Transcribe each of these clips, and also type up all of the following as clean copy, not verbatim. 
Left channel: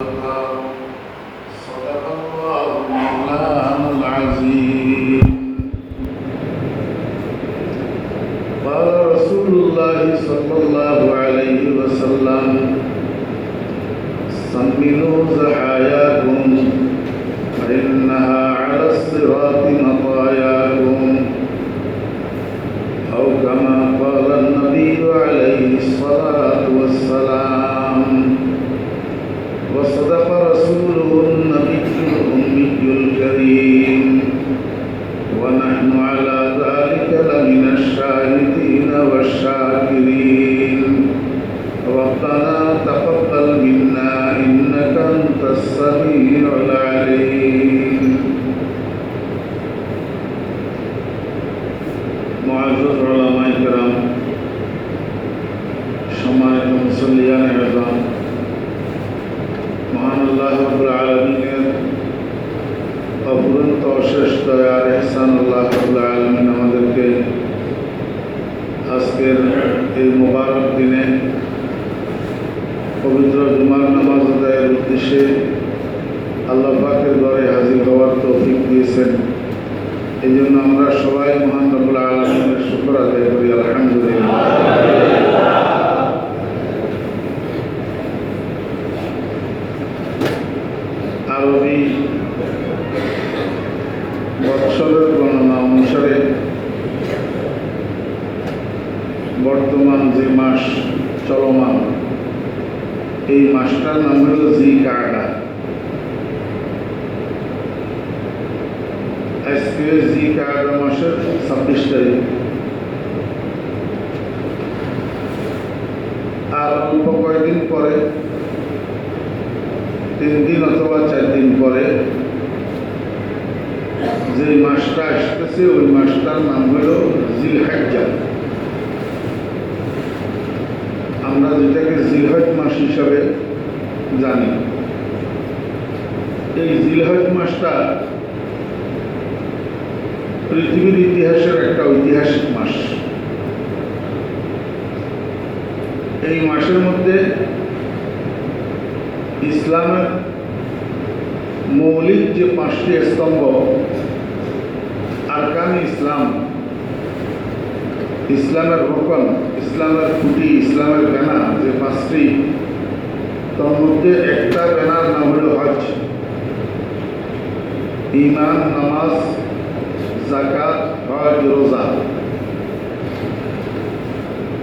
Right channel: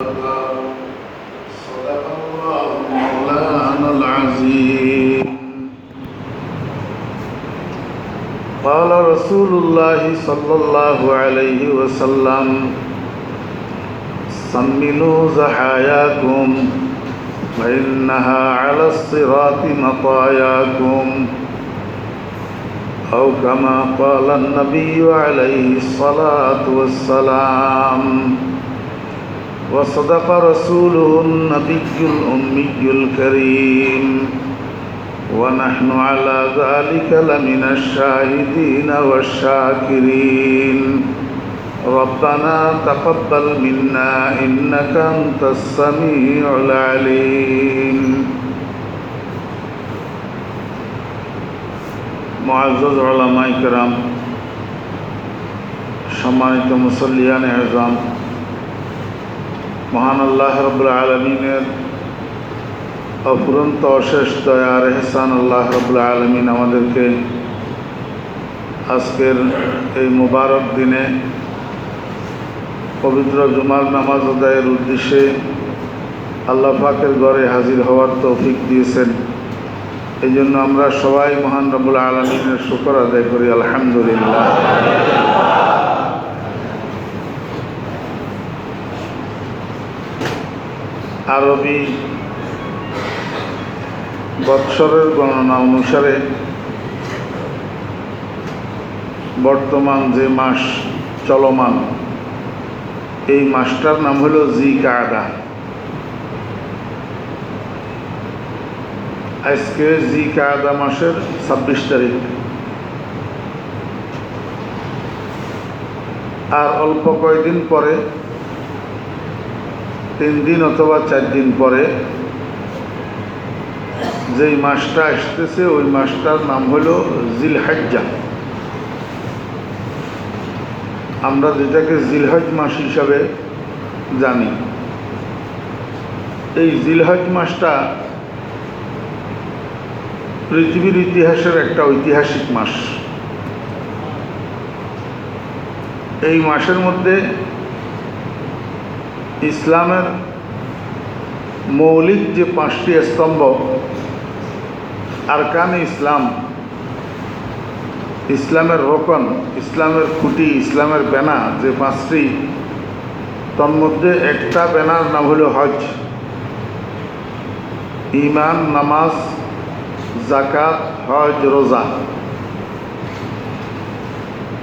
صدق الله مولانا العظيم. قال رسول الله صلى الله عليه وسلم: سمنوا زحاياكم فإنها على الصراط مطاياكم، أو كما قال النبي عليه الصلاة والسلام. وصدق رسوله النبي الأمي الكريم، ونحن على ذلك لمن الشاهدين والشاكرين. ربنا تقبل منا إنك أنت السميع العليم. মুআজ্জাজ উলামায়ে কেরাম, সম্মানিত মুসল্লিয়ানে আযম, মহান আল্লাহ রাব্বুল আলামিনের অফুরন্ত অশেষ দয়ার ইহসান আল্লাহ রাব্বুল আলামিন আমাদেরকে আজকের এই মুবারক দিনে পবিত্র জুমার নামাজ আদায়ের উদ্দেশ্যে আল্লাহ পাকের ঘরে হাজির হওয়ার তৌফিক দিয়েছেন। এই জন্য আমরা সবাই মহান রাব্বুল আলামিনের শুকর আদায় করি, আলহামদুলিল্লাহ। আরবি বৎসরের গণনা অনুসারে বর্তমান যে মাস চলমান, এই মাসটার নাম হল জিলকাআদা। আজকে জিলকাআদা মাসের 26 তারিখ। আর অল্প কয়েকদিন পরে, 3 দিন অথবা 4 দিন পরে যে মাসটা আসতেছে, ওই মাসটার নাম হল জিলহজ্জা। আমরা যেটাকে জিলহজ মাস হিসাবে জানি। এই জিলহজ মাসটা পৃথিবীর ইতিহাসের একটা ঐতিহাসিক মাস। এই মাসের মধ্যে ইসলামের মৌলিক যে 5টি স্তম্ভ, আরকানে ইসলাম, ইসলামের রোকন, ইসলামের খুঁটি, ইসলামের বেনা যে 5টি, তার মধ্যে একটা বেনার নাম হল হজ। ঈমান, নামাজ, যাকাত, হজ, রোজা।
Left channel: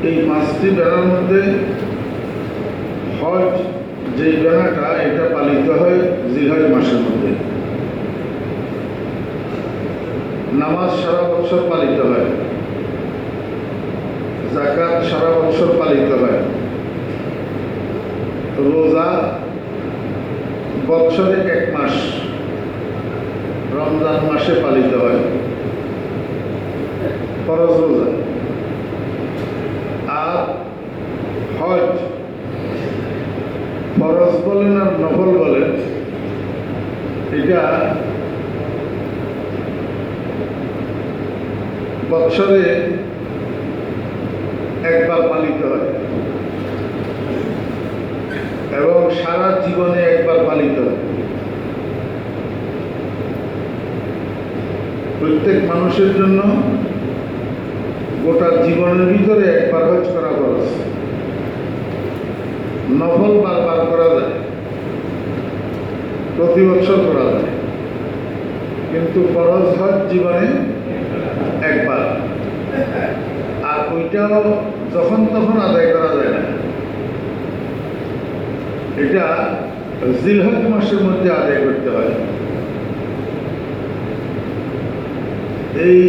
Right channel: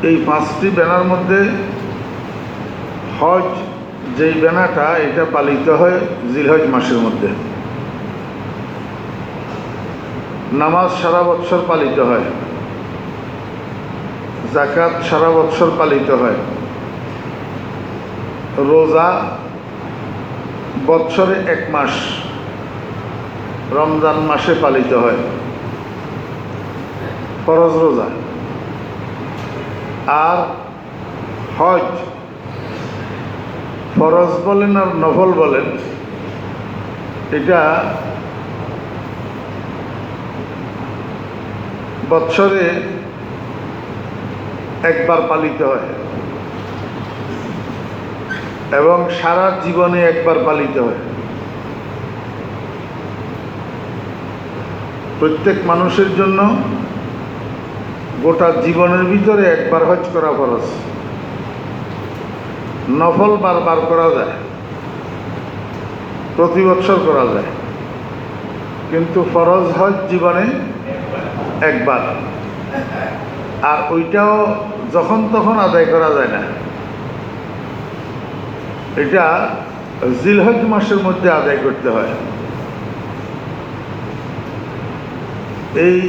এই 5টি বেনার মধ্যে হজ যেই বেনাটা, এটা পালিত হয় জিলহজ মাসের মধ্যে। নামাজ সারা বৎসর পালিত হয়, যাকাত সারা বৎসর পালিত হয়, রোজা বৎসরে 1 মাস রমজান মাসে পালিত হয়, ফরজ রোজা। আর হজ, ফরজ বলেন আর নফল বলেন, এটা বৎসরে 1 বার পালিত হয় এবং সারা জীবনে 1 বার পালিত হয়। প্রত্যেক মানুষের জন্য গোটা জীবনের ভিতরে 1 বার হজ করা ফরজ। নফল বারবার করা যায়, প্রতি বছর করা যায়, কিন্তু ফরজ হজ জীবনে 1 বার। আর ওইটাও যখন তখন আদায় করা যায় না, এটা জিলহজ মাসের মধ্যে আদায় করতে হয়। এই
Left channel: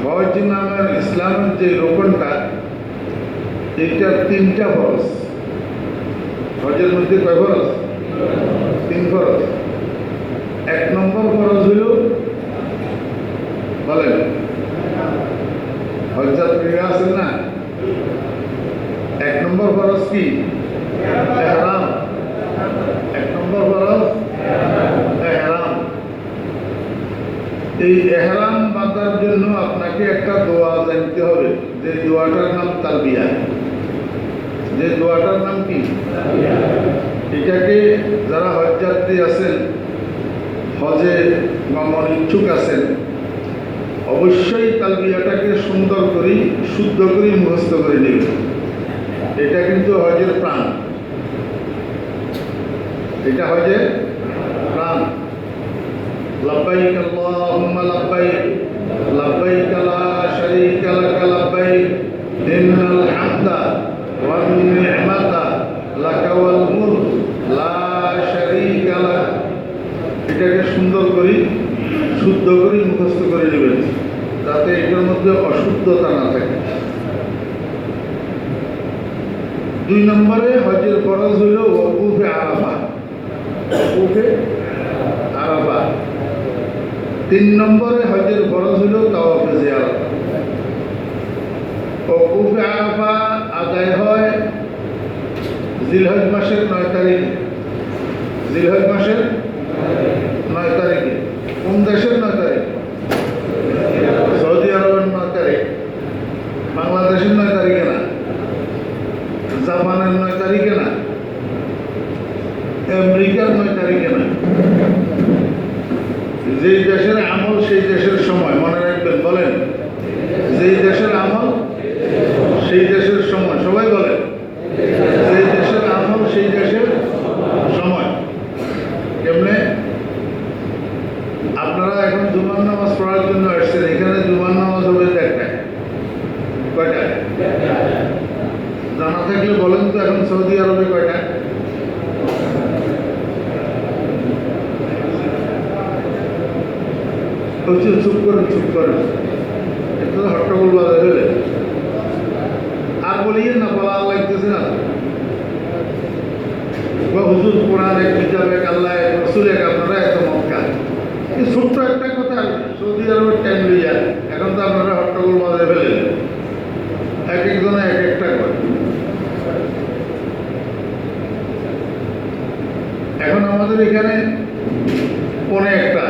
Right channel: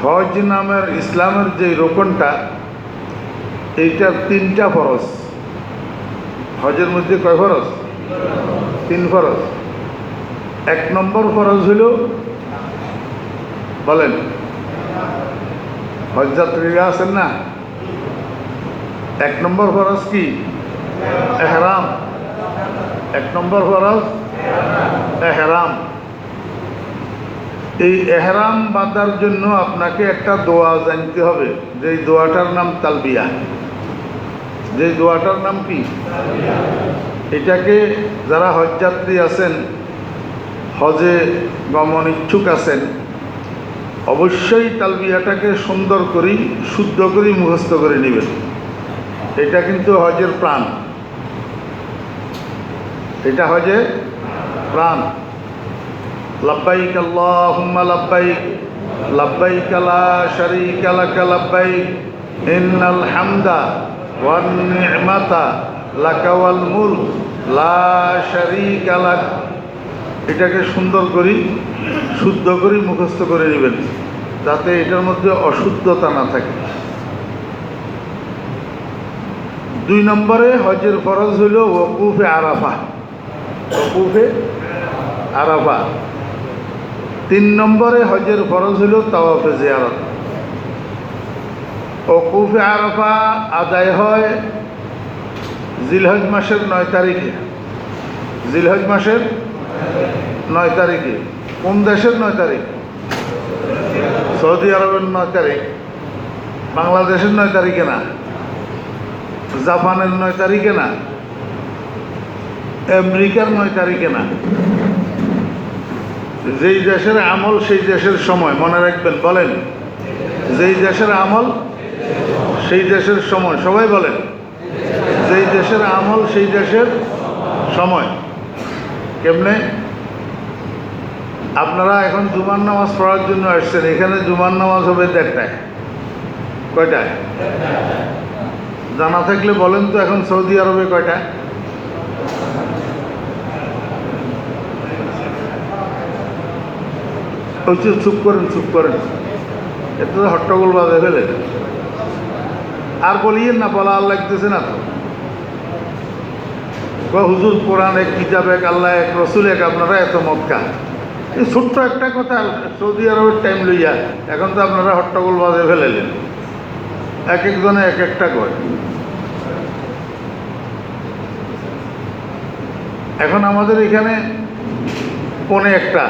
হজ নামের ইসলামের যে রোকনটা, এইটার 3টা ফরজ। হজের মধ্যে কয় ফরজ? 3 ফরজ। 1 নম্বর ফরজ হইল, বলেন, হজযাত্রীরা আছেন না, 1 নম্বর ফরজ কি? এহরাম। 1 নম্বর ফরজ এহরাম। এই এহরাম বাঁধার জন্য আপনাকে একটা দোয়া জানতে হবে, যে দোয়াটার নাম তালবিয়া। যে দোয়াটার নাম কি? এটাকে যারা হজযাত্রী আছেন, হজে গমন ইচ্ছুক আছেন, অবশ্যই তালবিয়াটাকে সুন্দর করে শুদ্ধ করে মুখস্থ করে নেবেন। এটা কিন্তু হজের প্রাণ, এটা হজের প্রাণ। লব্বাইক আল্লাহুম্মা লব্বাইক, লব্বাইক লা শারীকা লাক লব্বাইক, ইন্নাল হামদা ওয়ান নি'মাতা লাকা ওয়াল মুলক লা শারীকা লাক। এটাকে সুন্দর করে শুদ্ধ করে মুখস্থ করে নেবেন, যাতে এটার মধ্যে অশুদ্ধতা না থাকে। 2 নম্বরে হজের ফরজ হইল ওকুফে আরাফা, ওকুফে আরাফা। 3 নম্বরে হজের ফরজ হইল তাওয়াফে জিয়ারত। ওকুফে আরাফা আদায় হয় জিলহজ মাসের 9 তারিখে। জিলহজ মাসের 9 তারিখে। কোন দেশের 9 তারিখ? সৌদি আরবের 9 তারিখ। বাংলাদেশের 9 তারিখে না, জাপানের 9 তারিখে না, আমেরিকার 9 তারিখে না। যেই দেশের আমল সেই দেশের সময়, মনে রাখবেন। বলেন, যেই দেশের আমল সেই দেশের সময়। সবাই বলেন, যেই দেশের আমল সেই দেশের সময়। কেমনে? আপনারা এখন জুমার নামাজ পড়ার জন্য আসছেন, এখানে জুমার নামাজ হবে 1টায়। কয়টায়? জানা থাকলে বলেন তো, এখন সৌদি আরবে কয়টায়? চুপ করেন, চুপ করেন, এত হট্টগোল বাজে ফেলে। আর বলিয়েন না, বলা আর লাগতেছে না তো। হুজুর কোরআন এক, কিতাব এক, আল্লাহ এক, রসুল এক, আপনারা এত মক্কা। ছোট্ট একটা কথা, সৌদি আরবের টাইম লইয়া এখন তো আপনারা হট্টগোল বাজে ফেলেন। এক একজনে এক একটা করে। এখন আমাদের এখানে 1:45।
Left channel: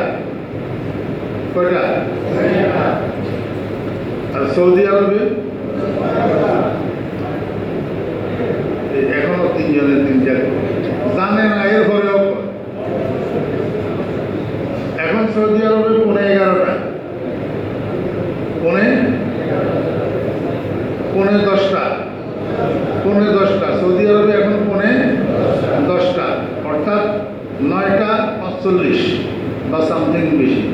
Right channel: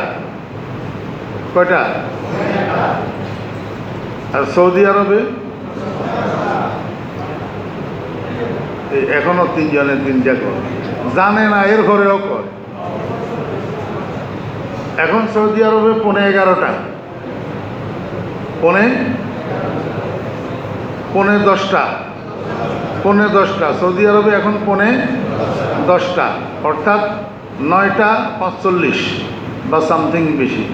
কয়টা? আর সৌদি আরবে এখনো 3 জনের 3টা করে জানে না, এর ঘরেও করে। এখন সৌদি আরবে 11:15, 10টা, 10:15। সৌদি আরবে এখন 10:15, অর্থাৎ 9:45 বা সামথিং বেশি।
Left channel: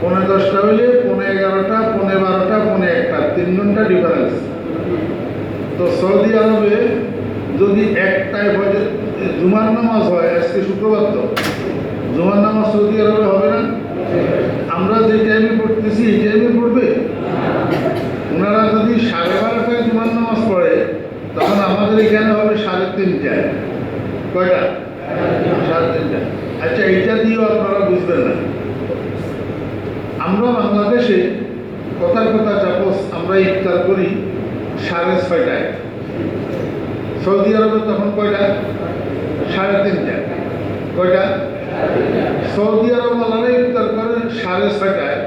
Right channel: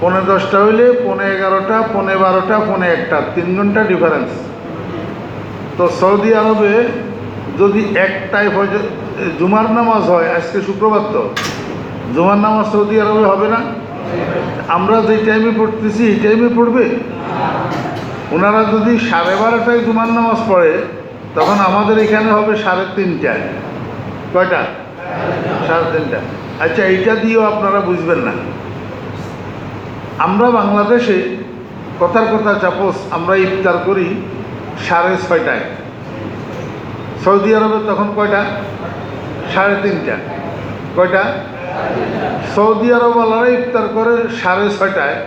10:15 হইলে 11:15, 12:30, 1:15, 3 ঘন্টা ডিফারেন্স। তো সৌদি আরবে যদি 1টায় জুমার নামাজ হয়, আজকে শুক্রবার, তো জুমার নামাজ সৌদি আরবে হবে না। আমরা যে টাইমে পড়তেছি এই টাইমে পড়বে। ওনারা যদি 12:30টায় জুমার নামাজ পড়ে, তখন আমাদের এখানে হবে 3:30টায়। কয়টা? 3:30। আচ্ছা, এইটা দিয়েও আপনারা বুঝবেন না। আমরা বাংলাদেশে কথার কথা চাপোস আমরা ইফতার করি 6:30টায়। সৌদি আরবে তখন কয়টা? 3:30। কয়টা? সৌদি আরব ওনারা ইফতার করে 6:30টায়,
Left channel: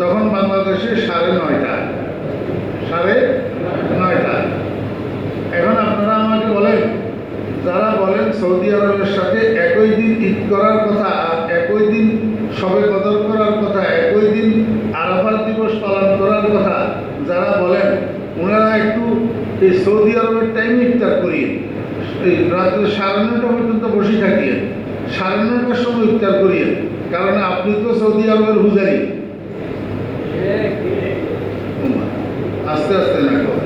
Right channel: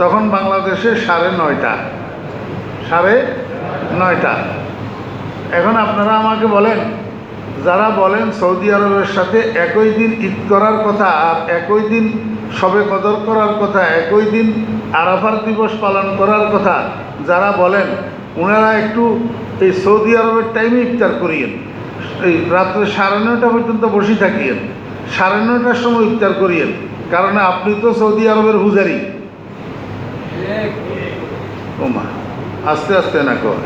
তখন বাংলাদেশে 9:30। 9:30। এখন আপনারা আমাকে বলেন, যারা বলেন সৌদি আরবের সাথে একই দিন ঈদ করার কথা, আর একই দিন শবে কদর করার কথা, একই দিন আরাফাত দিবস পালন করার কথা যারা বলেন, ওনারা একটু এই সৌদি আরবের টাইমে ইফতার করিয়েন। এই রাত্রে 9:30 পর্যন্ত বসে থাকিয়েন, 9:30টার সময় ইফতার করিয়েন। কারণ আপনি তো সৌদি আরবের পূজারি। আস্তে আস্তে না কর।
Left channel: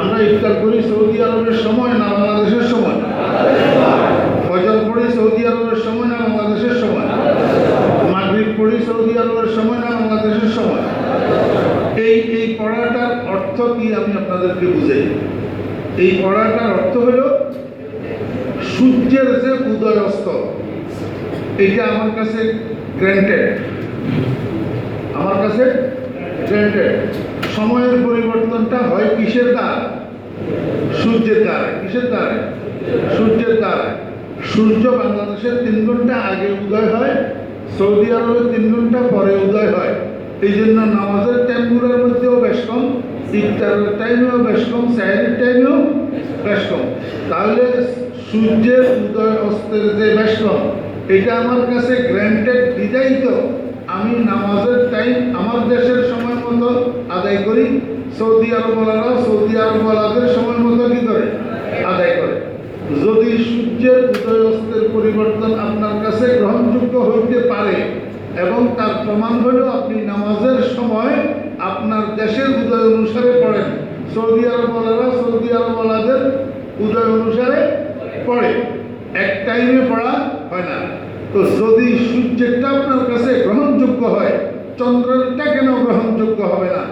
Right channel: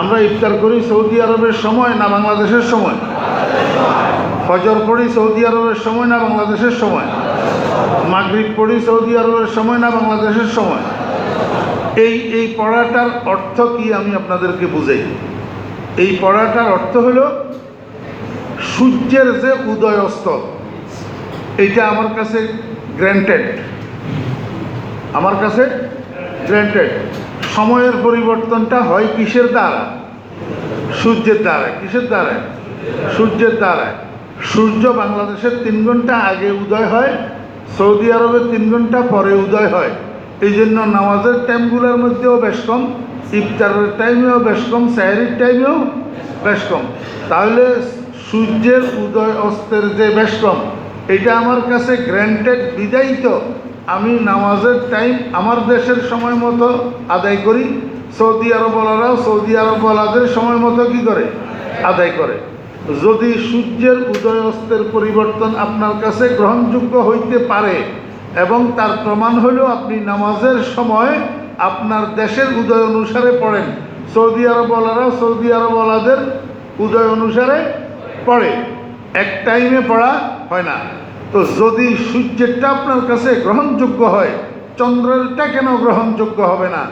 আমরা ইফতার করি সৌদি আরবের সময় না বাংলাদেশের সময়? ফজর পড়ি সৌদি আরবের সময় না বাংলাদেশের সময়? মাগরিব পড়ি সৌদি আরবের সময় না বাংলাদেশের সময়? এই পড়াটার অর্থ কি আমি আপনাদেরকে বুঝাই। এই পড়াটার অর্থ হল সূর্যের যে উদয় অস্ত, এইটা আমার কাছে গ্র্যান্টেড। আমার কাছে গ্র্যান্টেড। সময়ের পরিবর্তনটা হয় কিসের দ্বারা? সূর্যের দ্বারা। কিসের দ্বারা? সূর্যের দ্বারা। সূর্য বাংলাদেশের 3 ঘন্টা আগে উদয় হয়, সৌদি আরবের 3 ঘন্টা পরে উদয় হয়। এই জন্য নামাজের টাইমগুলোর মধ্যেও বেশ কম ইফতারের টাইমেও বেশ কম, সাহেরের টাইমেও বেশ কম। তাহলে সূর্যের উদয় অস্তের যে বেশ কম, এটা আমার কাছে গ্র্যান্টেড বিদায়িত। আমি নামাজের টাইম আমার দেশের সময় মতো আদায় করি, সৌদি আরবওয়ালারাও সৌদি আরবওয়ালাদের সময় মতো কি করে আদায় করে। যদি সূর্যের উদয় অস্তের পরিবর্তন আপনার কাছে গ্রহণযোগ্য হইতে পারে এবং তার প্রমাণ হলেও আপনি নামাজের সময় আপনার দেশের উদয় অনুসারে পড়েন, সৌদি আরবওয়ালারাও সৌদি আরবওয়ালাদের উদয় অনুসারে পড়ে, এক টাইমে পড়া হয় না। তো যদি সূর্যেরটা আপনার কাছে গ্রহণযোগ্য হয়, চন্দ্রেরটা কেন গ্রহণযোগ্য হবে না?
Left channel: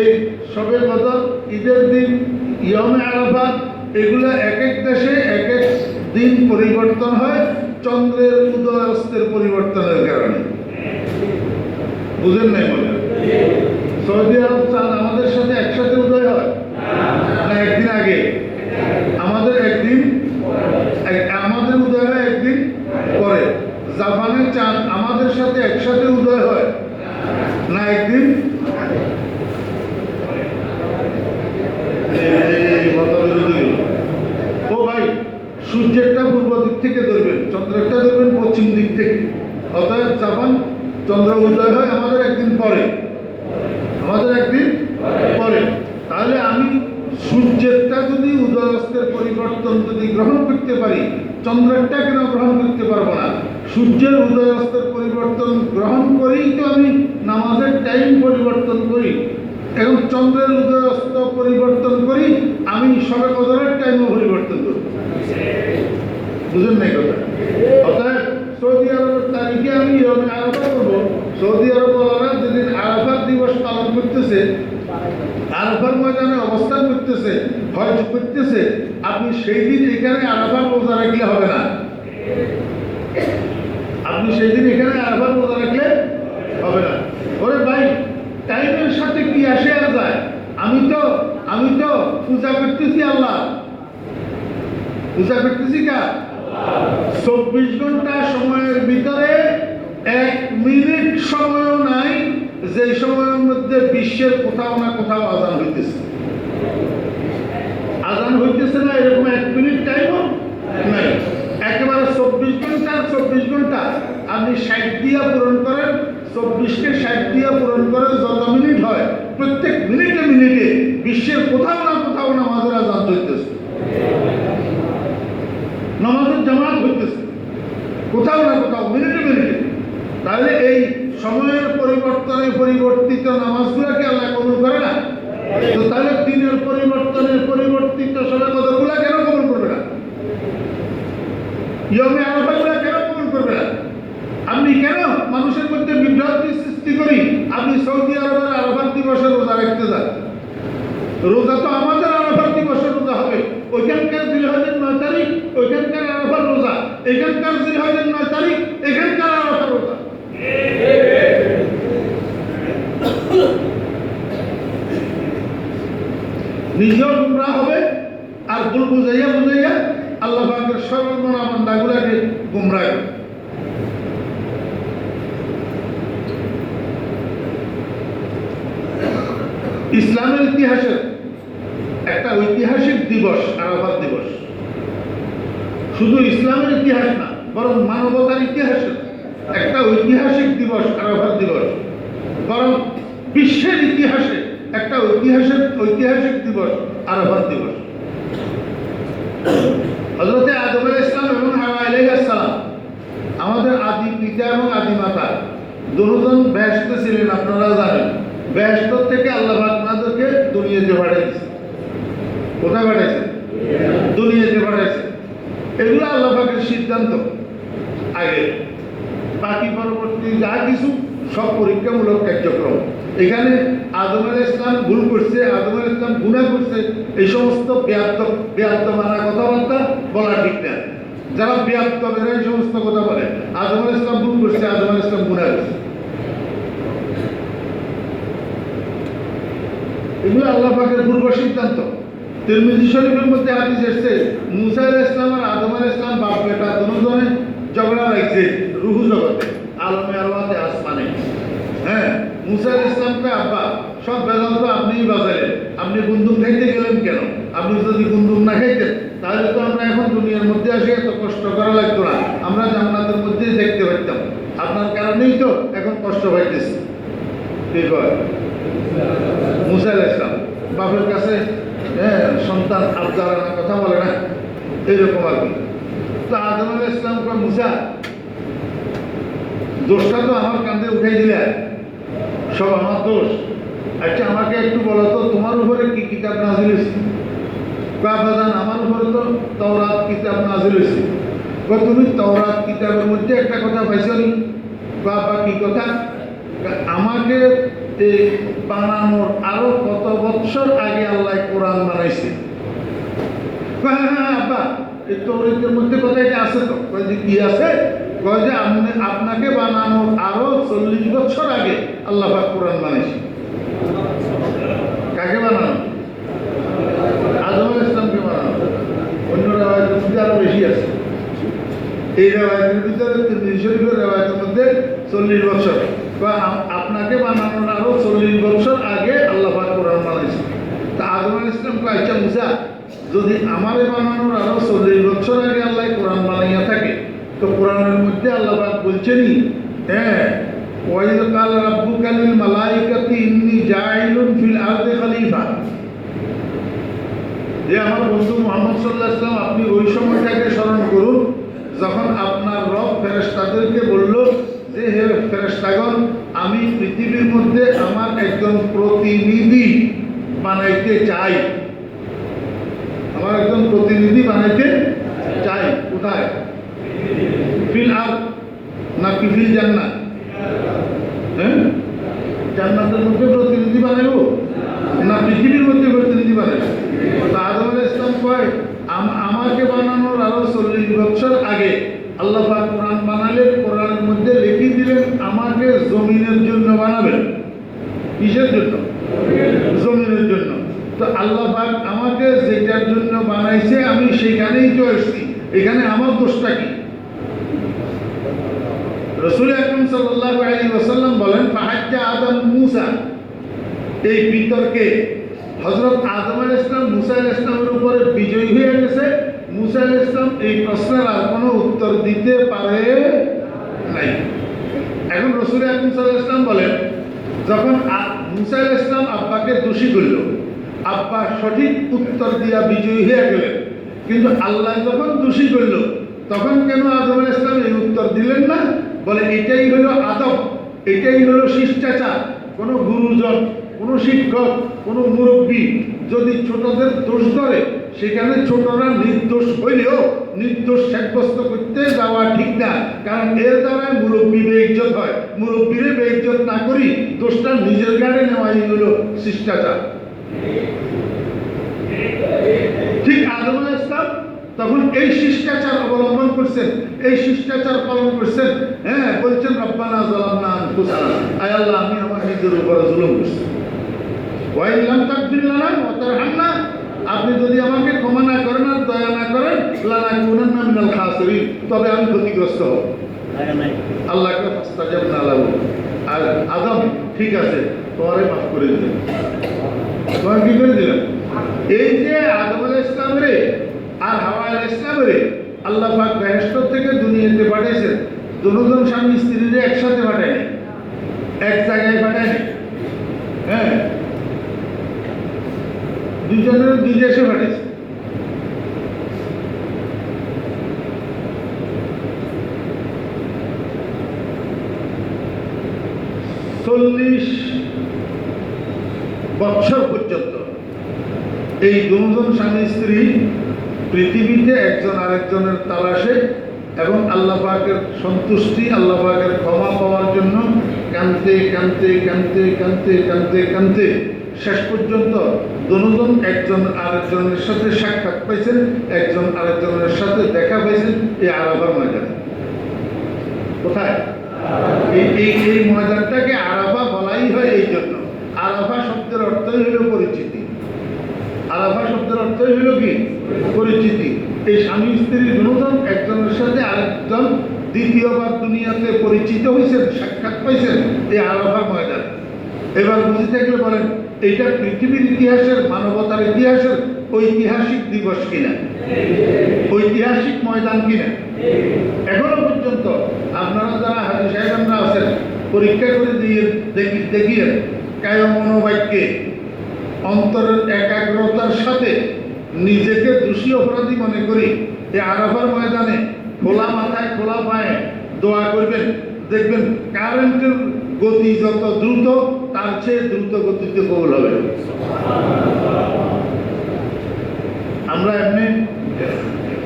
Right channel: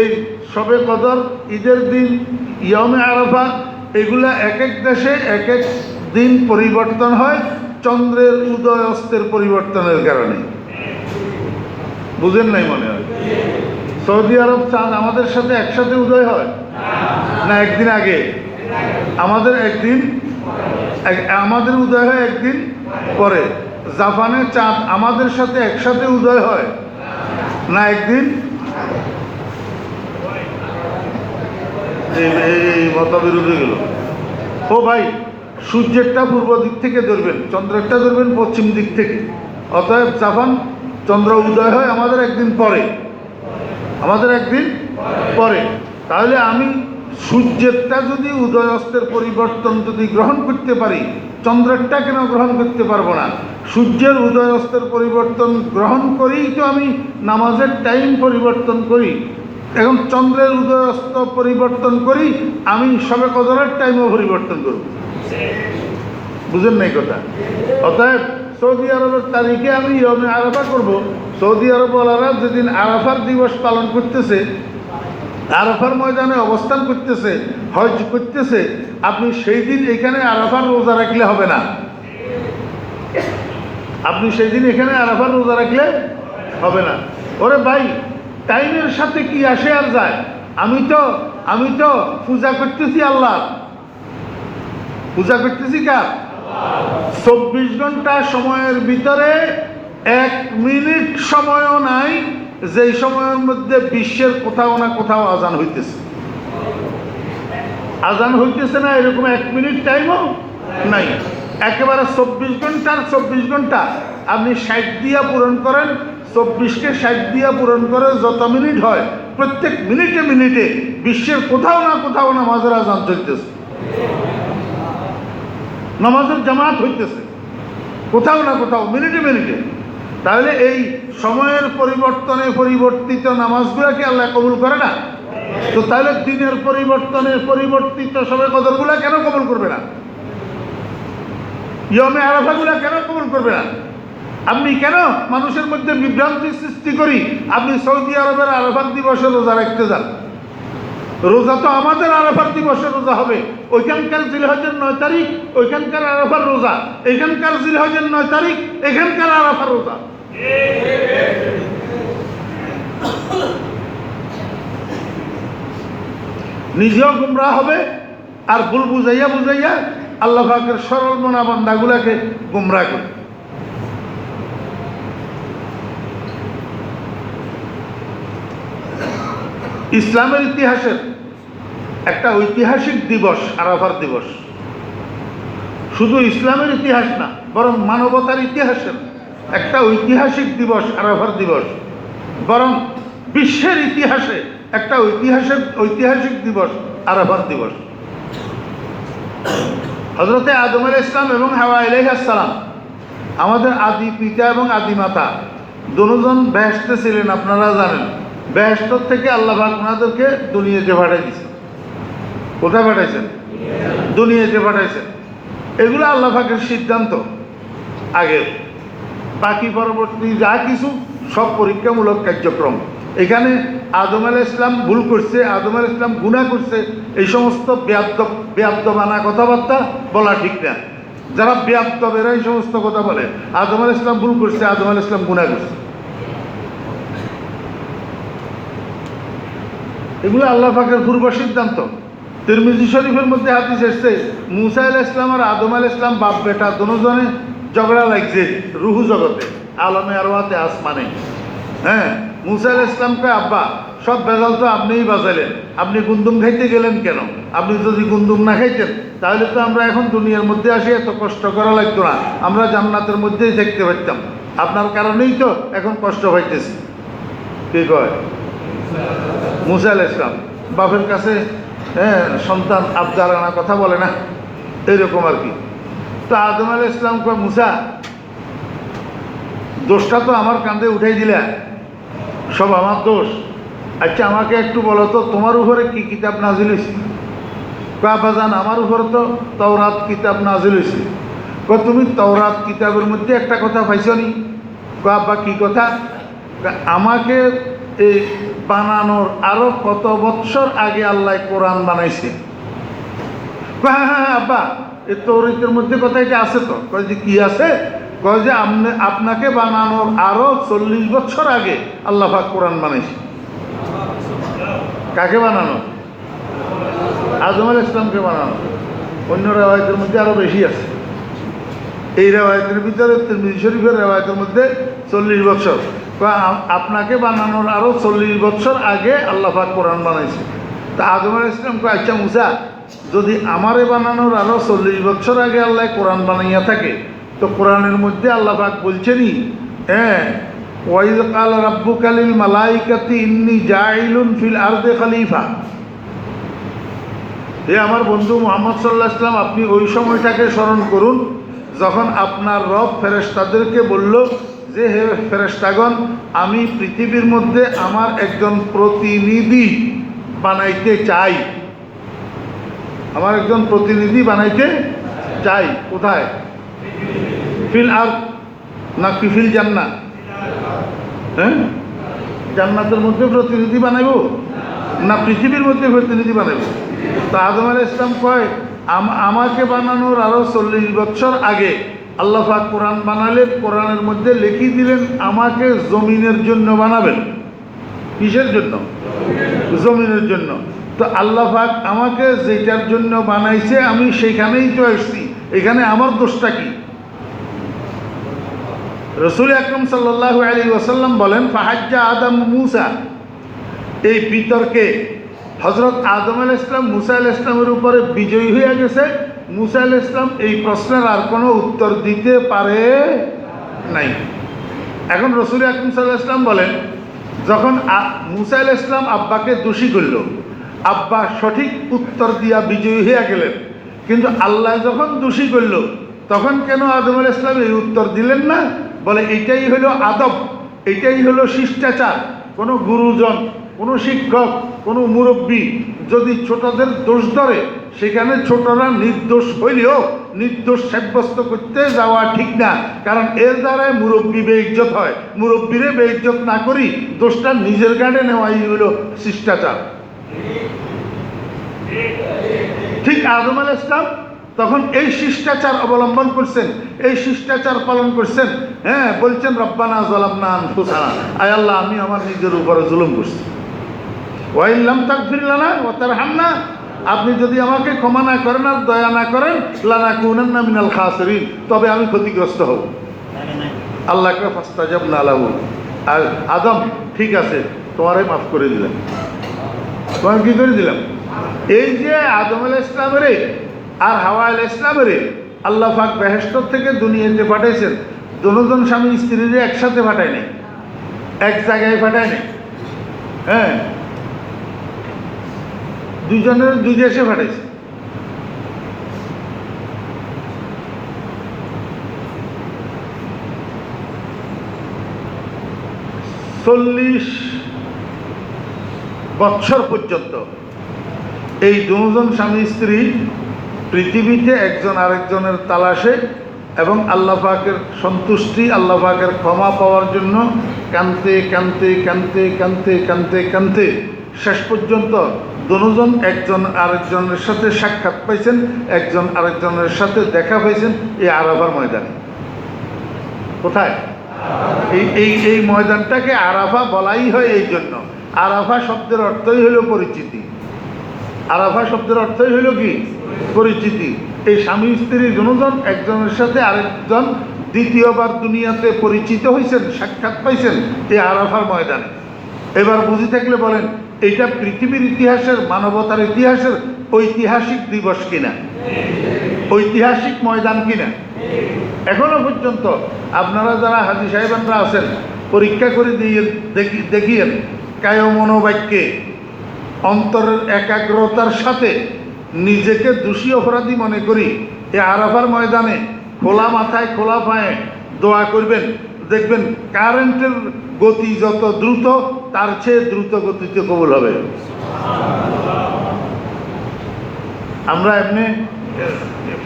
এই শবে কদর, ঈদের দিন, ইয়মে আরাফা, এগুলা এক এক দেশে এক এক দিন পরিবর্তন হয় চন্দ্রের উদয় অস্তের পরিবর্তনের কারণে। বুঝেন নাই মনে হয়? সৌদি আরব চাঁদ আমাদের সাথে একসাথে উদয় হয় না একদিন আগে? আমাদের একদিন, আমাদের উদয় হয় একদিন পরে। জাপানের চাঁদ আমাদের সাথে একসাথে উদয় হয় না একদিন? এই মতবিরোধীগুলো। ও ভাই, সূর্যেরটা পূর্ব দিক থেকে ধরবেন, চন্দ্রেরটা ধরবেন পশ্চিম দিক থেকে। অতএব জাপান চন্দ্র উদয় হয় আমাদের একদিন পরে, আমাদের একদিন পরে। তাহলে আমি সূর্যেরটা যদি উদয় অস্তের পরিবর্তন যদি গ্রহণ করতে পারি, চন্দ্রেরটা কেন গ্রহণ করতে পারবো না? সূর্যের উদয় অস্তের পরিবর্তন গ্রহণ করেই তো আমি নামাজের টাইম পরিবর্তন করি। এখন চন্দ্রের উদয় অস্ত পরিবর্তন করি, আমি শবে কদরের টাইমও পরিবর্তন করি। বুঝেন নাই কথা? অতএব সৌদি আরবের তারিখে আমি ইয়মে আরাফা করব। সৌদি আরবওয়ালারা যেদিন আরাফার দিবস পালন করতেছে, আরাফার ময়দানে অবস্থান করতেছে, হজ করতেছে, আপনি সেই দিন এখানে আরাফার রোজা রাখলে হবে না। আপনি সেই দিন এখানে আরাফার রোজা রাখলে হবে না। ওরে ভাই, টাইমের সাথে কি আসে আর যায়? আমি তো পূজা করতেছি আল্লাহ, পূজা করতেছি কার? 24 ঘন্টা সময়ের ভিতরে 1 মিনিট সময়ও নাই যে সময়ের মধ্যে বিশ্বের কোথাও না কোথাও আজান হইতেছে। আজান হইতেছে না এরকম 1 মিনিট টাইমও নাই। একেবারে 24 ঘন্টার 24 ঘন্টা আপনি 60 দিয়া পূরণ করেন, 24কে 60 দিয়া পূরণ করে যত মিনিট হয়, প্রত্যেক মিনিটে মিনিটে বিশ্বের কোথাও না কোথাও নামাজের আজান চলতেছে, নামাজের জামাত হইতেছে কোথাও না কোথাও, মিনিটে মিনিটে। তাহলে এই সময়ের পরিবর্তনে পরিবর্তিত নামাজগুলোকে আল্লাহ কবুল করে না? তো তাহলে দিনের পরিবর্তনে পরিবর্তিত শবে কদরগুলো কেন কবুল করবে না? ইয়মে আরাফাগুলো কেন কবুল করবে না? আপনি কেন মানুষের মধ্যে বিভ্রান্তি সৃষ্টি করি আপনি সৌদি আরবের আরাফাত দিবসে রোজা রাখতে যান? রোজা তো আমাদের আরাফাত দিবসে রোজা হবে। ওইখানকার জিলহজের 9 তারিখ ওইখানকার আরাফার রোজা, এখানকার জিলহজের 9 তারিখ এখানকার আরাফার রোজা। নিজেও গুমরাহ হবে আর ভুল বুঝাইয়া বুঝাইয়া আল্লাহ পাকের সরল মনা বান্দাগুলাকে গুমরাহ করে। ইসলামের ইতিহাসের একটা ঐতিহাসিক দিবস আরাফাত দিবস। শুধু ইসলামের ইতিহাস না, বরং মানবতার ইতিহাসের একটা ঐতিহাসিক দিবস আরাফাত দিবস, বরং বিশ্বের ইতিহাসে একটা ঐতিহাসিক দিবস আরাফাত দিবস। হযরতে আদম আলাইহিস সালাম এবং হাওয়া আলাইহিস সালাম, আমাদের আদি পিতা এবং আদি মাতা, দুজন বেহেশতে ছিলেন। আপনারা জানেন, বেহেশত থেকে আল্লাহ পাক ওনাদেরকে দুনিয়াতে পাঠাইছেন। কোথায় পাঠাইছেন? দুনিয়াতে পাঠাইছেন। এগুলো আল্লাহ পাকের সিদ্ধান্ত। আগে বাকি পরবর্তী যা কিছু সব পরীক্ষামূলক কার্যক্রম। এখানে আদম আলাইহিস সালাম ভুল করছে, আদম আলাইহিস সালাম গুনাহ করছে, এই সমস্ত বেয়াদ্দমানা কথাবার্তা বলা ঠিক না। যারা বেয়াদ্দবেরা এই সমস্ত কথা বলে, আদম আলাইহিস সালাম ভুল করছে, আদম আলাইহিস সালাম গুনাহ করছে, এগুলো আল্লাহ পাকের পূর্ব সিদ্ধান্ত। তিরমিজি শরীফের মধ্যে হাদিস এসেছে, মুসা আলাইহিস সালাম আর আদম আলাইহিস সালাম বাপ বেটা দুজনে ঝগড়া লাগছে রুহু জগতে, আলমে আরওয়াতে আসমানে। হ্যাঁ, মুসা আলাইহিস সালামকে আব্বা সব ভেজাল তো আপনিই বাজাইলেন। আপনি গুন্দুম খাইতে গেলেন কেন? আপনি যদি গুন্দুম না খাইতেন তাহলে তো আমরা এখন দুনিয়ার মধ্যে আসি এত কষ্ট করা লাগতো না, আমরা জান্নাতের মধ্যেই দেখতে পারতাম। আপনার কারণেই তো এখন কষ্ট হইতেছে। কি কয় মুসা আলাইহিস সালাম বাপের কাছে সন্তান আবদার আনা কথা বলে না, এরকম আর কি। তো আদম আলাইহিস সালাম কয় মুসা, দোষটা তো আমার কাঁধে উঠাই দিলে, সব আমার দোষ। আচ্ছা আমাকে একটু বলো তো তোমার উপরে কি কিতাব নাজিল হয়েছে? বাজান আমার উপরে তো তাওরাত কিতাব নাজিল হয়েছে। তুমি তাওরাত কিতাবের মধ্যে একটা কথা পাইছ নি? বা কি কথা? আমাকে এই বানানোর আরো কত বৎসর আগে আল্লাহ কোরআন বানাইছে। হ্যাঁ আব্বা, এই তৌরাতের মধ্যে কথা এটা আছে তো। যে কি আছে? যে আপনাকে বানানোর আরো 40 বছর আগে আল্লাহ পাক কোরআন বানাইছে। কাকে বানানো? আদম আলাইহিস সালামকে বানানো। অন্য রেওয়ায়েতের মধ্যে আরো বেশি আছে। এই রেওয়ায়েতের ভিতরে তিরমিজি শরীফের রেওয়ায়েতের মধ্যে 40 বছর, বা আপনাকে বানানোর আরো 40 বছর আগে আল্লাহ পাক কোরআন বানাইছে। তা আদম আলাইহিস সালাম কয় আচ্ছা মুসা, যদি আমারে বানানোর আরো 40 বছর আগে আল্লাহ কোরআন বানাইয়া থাকে, তো কোরআনের মধ্যে আল্লাহ পাক বলছেনই ওয়াইদ কাল রাব্বুকা লিল মালাইকাতি ইন্নী জাইলুন ফিল আরদি খলিফা। আমার বন্ধু মুহাম্মদ সাল্লাল্লাহু আলাইহি ওয়াসাল্লাম, আপনি ওই সময়টাকে স্মরণ করুন যখন আপনার রব ফেরেশতাদেরকে বলল যে হে ফেরেশতাগণ, আমি পৃথিবীর মধ্যে আমার একজন প্রতিনিধি বানাইতে চাই। আমার একজন প্রতিনিধি বানাইতে চাই। কোথায়? ফিল আরদ নাকি ফিল জান্নাত? জান্নাতের মধ্যে প্রতিনিধি বানাইব না পৃথিবীর মধ্যে প্রতিনিধি বানাইব? তা আদম আলাইহিস সালাম কয় আমাকে বানানোর আরো 40 বছর আগে আল্লাহ পাক কোরআন বানালে কোরআনের মধ্যে লিখে দিলেন আমাকে জমিনের জন্য বানাবেন। কিসের জন্য? জমিনের জন্য। তো আল্লাহ পাক আমাকে যেটার জন্য বানাইছে আমি সেইখানেই তো আসছি, এখানে আমার দোষটা কি? রাসূল আকরাম সাল্লাল্লাহু আলাইহি ওয়াসাল্লাম বলেন ফাহাজ্জা আদম মুসা। এই বিতর্কে হযরত আদম আলাইহিস সালাম মুসা আলাইহিস সালামের উপরে বিজয়ী হয়ে গেছে। মুসা আলাইহিস সালাম এই প্রশ্নের আর কোনো উত্তর দিতে পারে নাই। এখন রাসূল আকরাম সাল্লাল্লাহু আলাইহি ওয়াসাল্লাম বলেন যখন মুসা আলাইহিস সালাম আব্বাকে দোষী করল, আব্বা সঠিক উত্তর দিয়া বিজয়ী হয়ে গেলেন, কিন্তু আল্লাহ যখন দোষী করল তখন কেন আদম আলাইহিস সালাম এই উত্তর দিলেন না? বলে এটাই হলো আদব, এটাই হলো শিষ্টাচার। কোনো গুরুজন, কোনো শিক্ষক, কোনো মুরব্বী যদি ছোটদের দোষ ধরে সেখানে ছোটরা নির্দোষ হইলেও নির্দোষ সাব্যস্ত করতে যাওয়া ঠিক না, কারণ এর দ্বারাই মুরব্বী বেইজ্জত হয়। মুরব্বীরে বেইজ্জত না করি দোষটা নিজের গাড়ে নেওয়াই হলো শিষ্টাচার। ঠিক আদম আলাইহিস সালাম তখন এই শিষ্টাচার অবলম্বন করছেন, এই শিষ্টাচার পালন করছেন। বলছেন রব্বানা যালামনা আনফুসানা, আয় আল্লাহ আমি আমার নিজের উপর জুলুম করছি। ওয়া ইন লাম তাগফির লানা ওয়া তারহামনা, আপনি যদি আমাকে ক্ষমা না করেন আর দয়া না করেন, লানাকুনান্না মিনাল খাসিরিন, তবে আমি ক্ষতিগ্রস্ত হব। আল্লাহকে ফাস্তাজাবনা লাহু, আর আদম ঠিক আছে তোমারে মাফ করে দিলাম। তোমার কি করে দিলাম? এই যে আদম আলাইহিস সালামের আর হাওয়া আলাইহিস সালামের আল্লাহ পাক বেহেশত থেকে দুনিয়াতে পাঠাইছেন। দুজন স্বামী স্ত্রীরে একসাথে পাঠায় নাই, এক জায়গায় পাঠায় নাই। দুজনের দুই দেশে পাঠাইছে। চল্লিশ বছর পর্যন্ত এই দুজন স্বামী স্ত্রী পৃথিবীতে একজন আরেকজনের তালাশে এবং আল্লাহ পাকের সন্তুষ্টি, আল্লাহ পাকের ক্ষমা পাওয়ার জন্য কাঁদতে কাঁদতে কাঁদতে কাঁদতে কাঁদতে কাঁদতে শেষ পর্যন্ত দুজন একজন আরেকজনের সাথে সাক্ষাৎ পাইছেন, একজন আরেকজনের সাথে দেখা পাইছেন এই আরাফার ময়দানে। কোথায়? এই ময়দানটাকে আরাফা বলাই হয় এই জন্য। আরাফা শব্দের অর্থই হলো পরিচিতি। আরাফা শব্দের অর্থই হইল কি? পরিচিতি। এই স্বামী স্ত্রী দুজন একজনের সাথে আরেকজন দ্বিতীয়বার দুনিয়াতে পরিচিত হয়েছেন, সাক্ষাৎ পাইছেন এই আরাফার ময়দানে। এবার বুঝে থাকলে বলেন, এটা পৃথিবীর ইতিহাসের, মানবতার ইতিহাসের ঐতিহাসিক দিবস কিনা, ঐতিহাসিক ময়দান কিনা? এখনো পর্যন্ত আপনারা যারা হাজী সাহেবানরা আছেন, পরীক্ষা করে দিয়ে দেখিয়েন কায় মনোবাক্যে অন্তরের একাগ্রতার সাথে নিজেকে দোষী অপরাধী মনে করি এই আরাফার ময়দানে খোলা মাথায় খোলা পায়ে দোয়া করবেন, দেখবেন কারেন্টের গতি যত দ্রুত তার চেয়ে দ্রুত গতিতে কবুল হবে। আমরা এমনি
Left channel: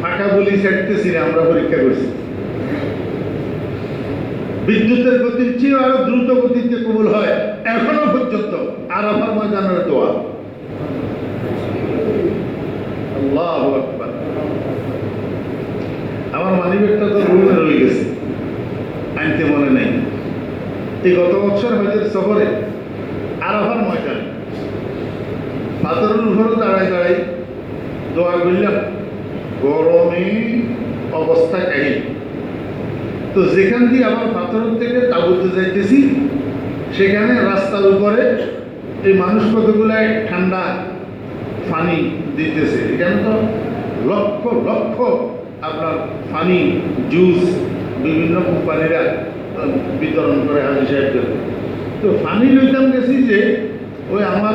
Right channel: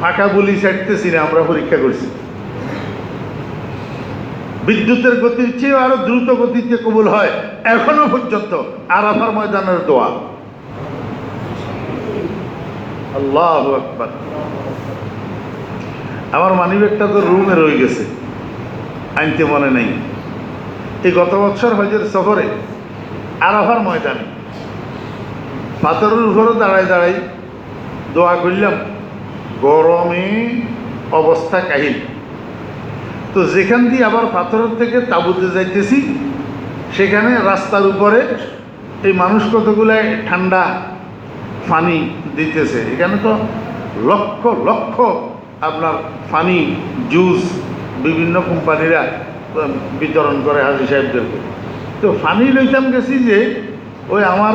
ফাঁকা বলি ছাড়তেছি না, আমরা পরীক্ষা করছি। বিদ্যুতের গতির চেয়ে আরো দ্রুত গতিতে কবুল হয় এখনো পর্যন্ত আরাফার ময়দানের দোয়া। আল্লাহু আকবার। আমার মানিব্যাগটা তো রুমে রয়ে গেছে, আনতে মনে নেই। এই গত বছর হজের সফরে আরাফার ময়দানে পাথরের উপরে দাঁড়ায় দাঁড়াই দোয়া করলাম, গরমে অবস্থা কাহিল। তো যেখান দিয়ে আবার পাথরের থেকে তাঁবুতে যাইতেছি, সেখানে রাস্তার উপরে এই মানুষ কতগুলো ঠান্ডা পানি দিতেছে। এখানে তো লক্ষ লক্ষ আপনার পানি, জুস বিভিন্ন কোম্পানিরা বিতরণ করে হাজী সাহেবদের। তো পানি লইতাম গেছি যে ওই আমার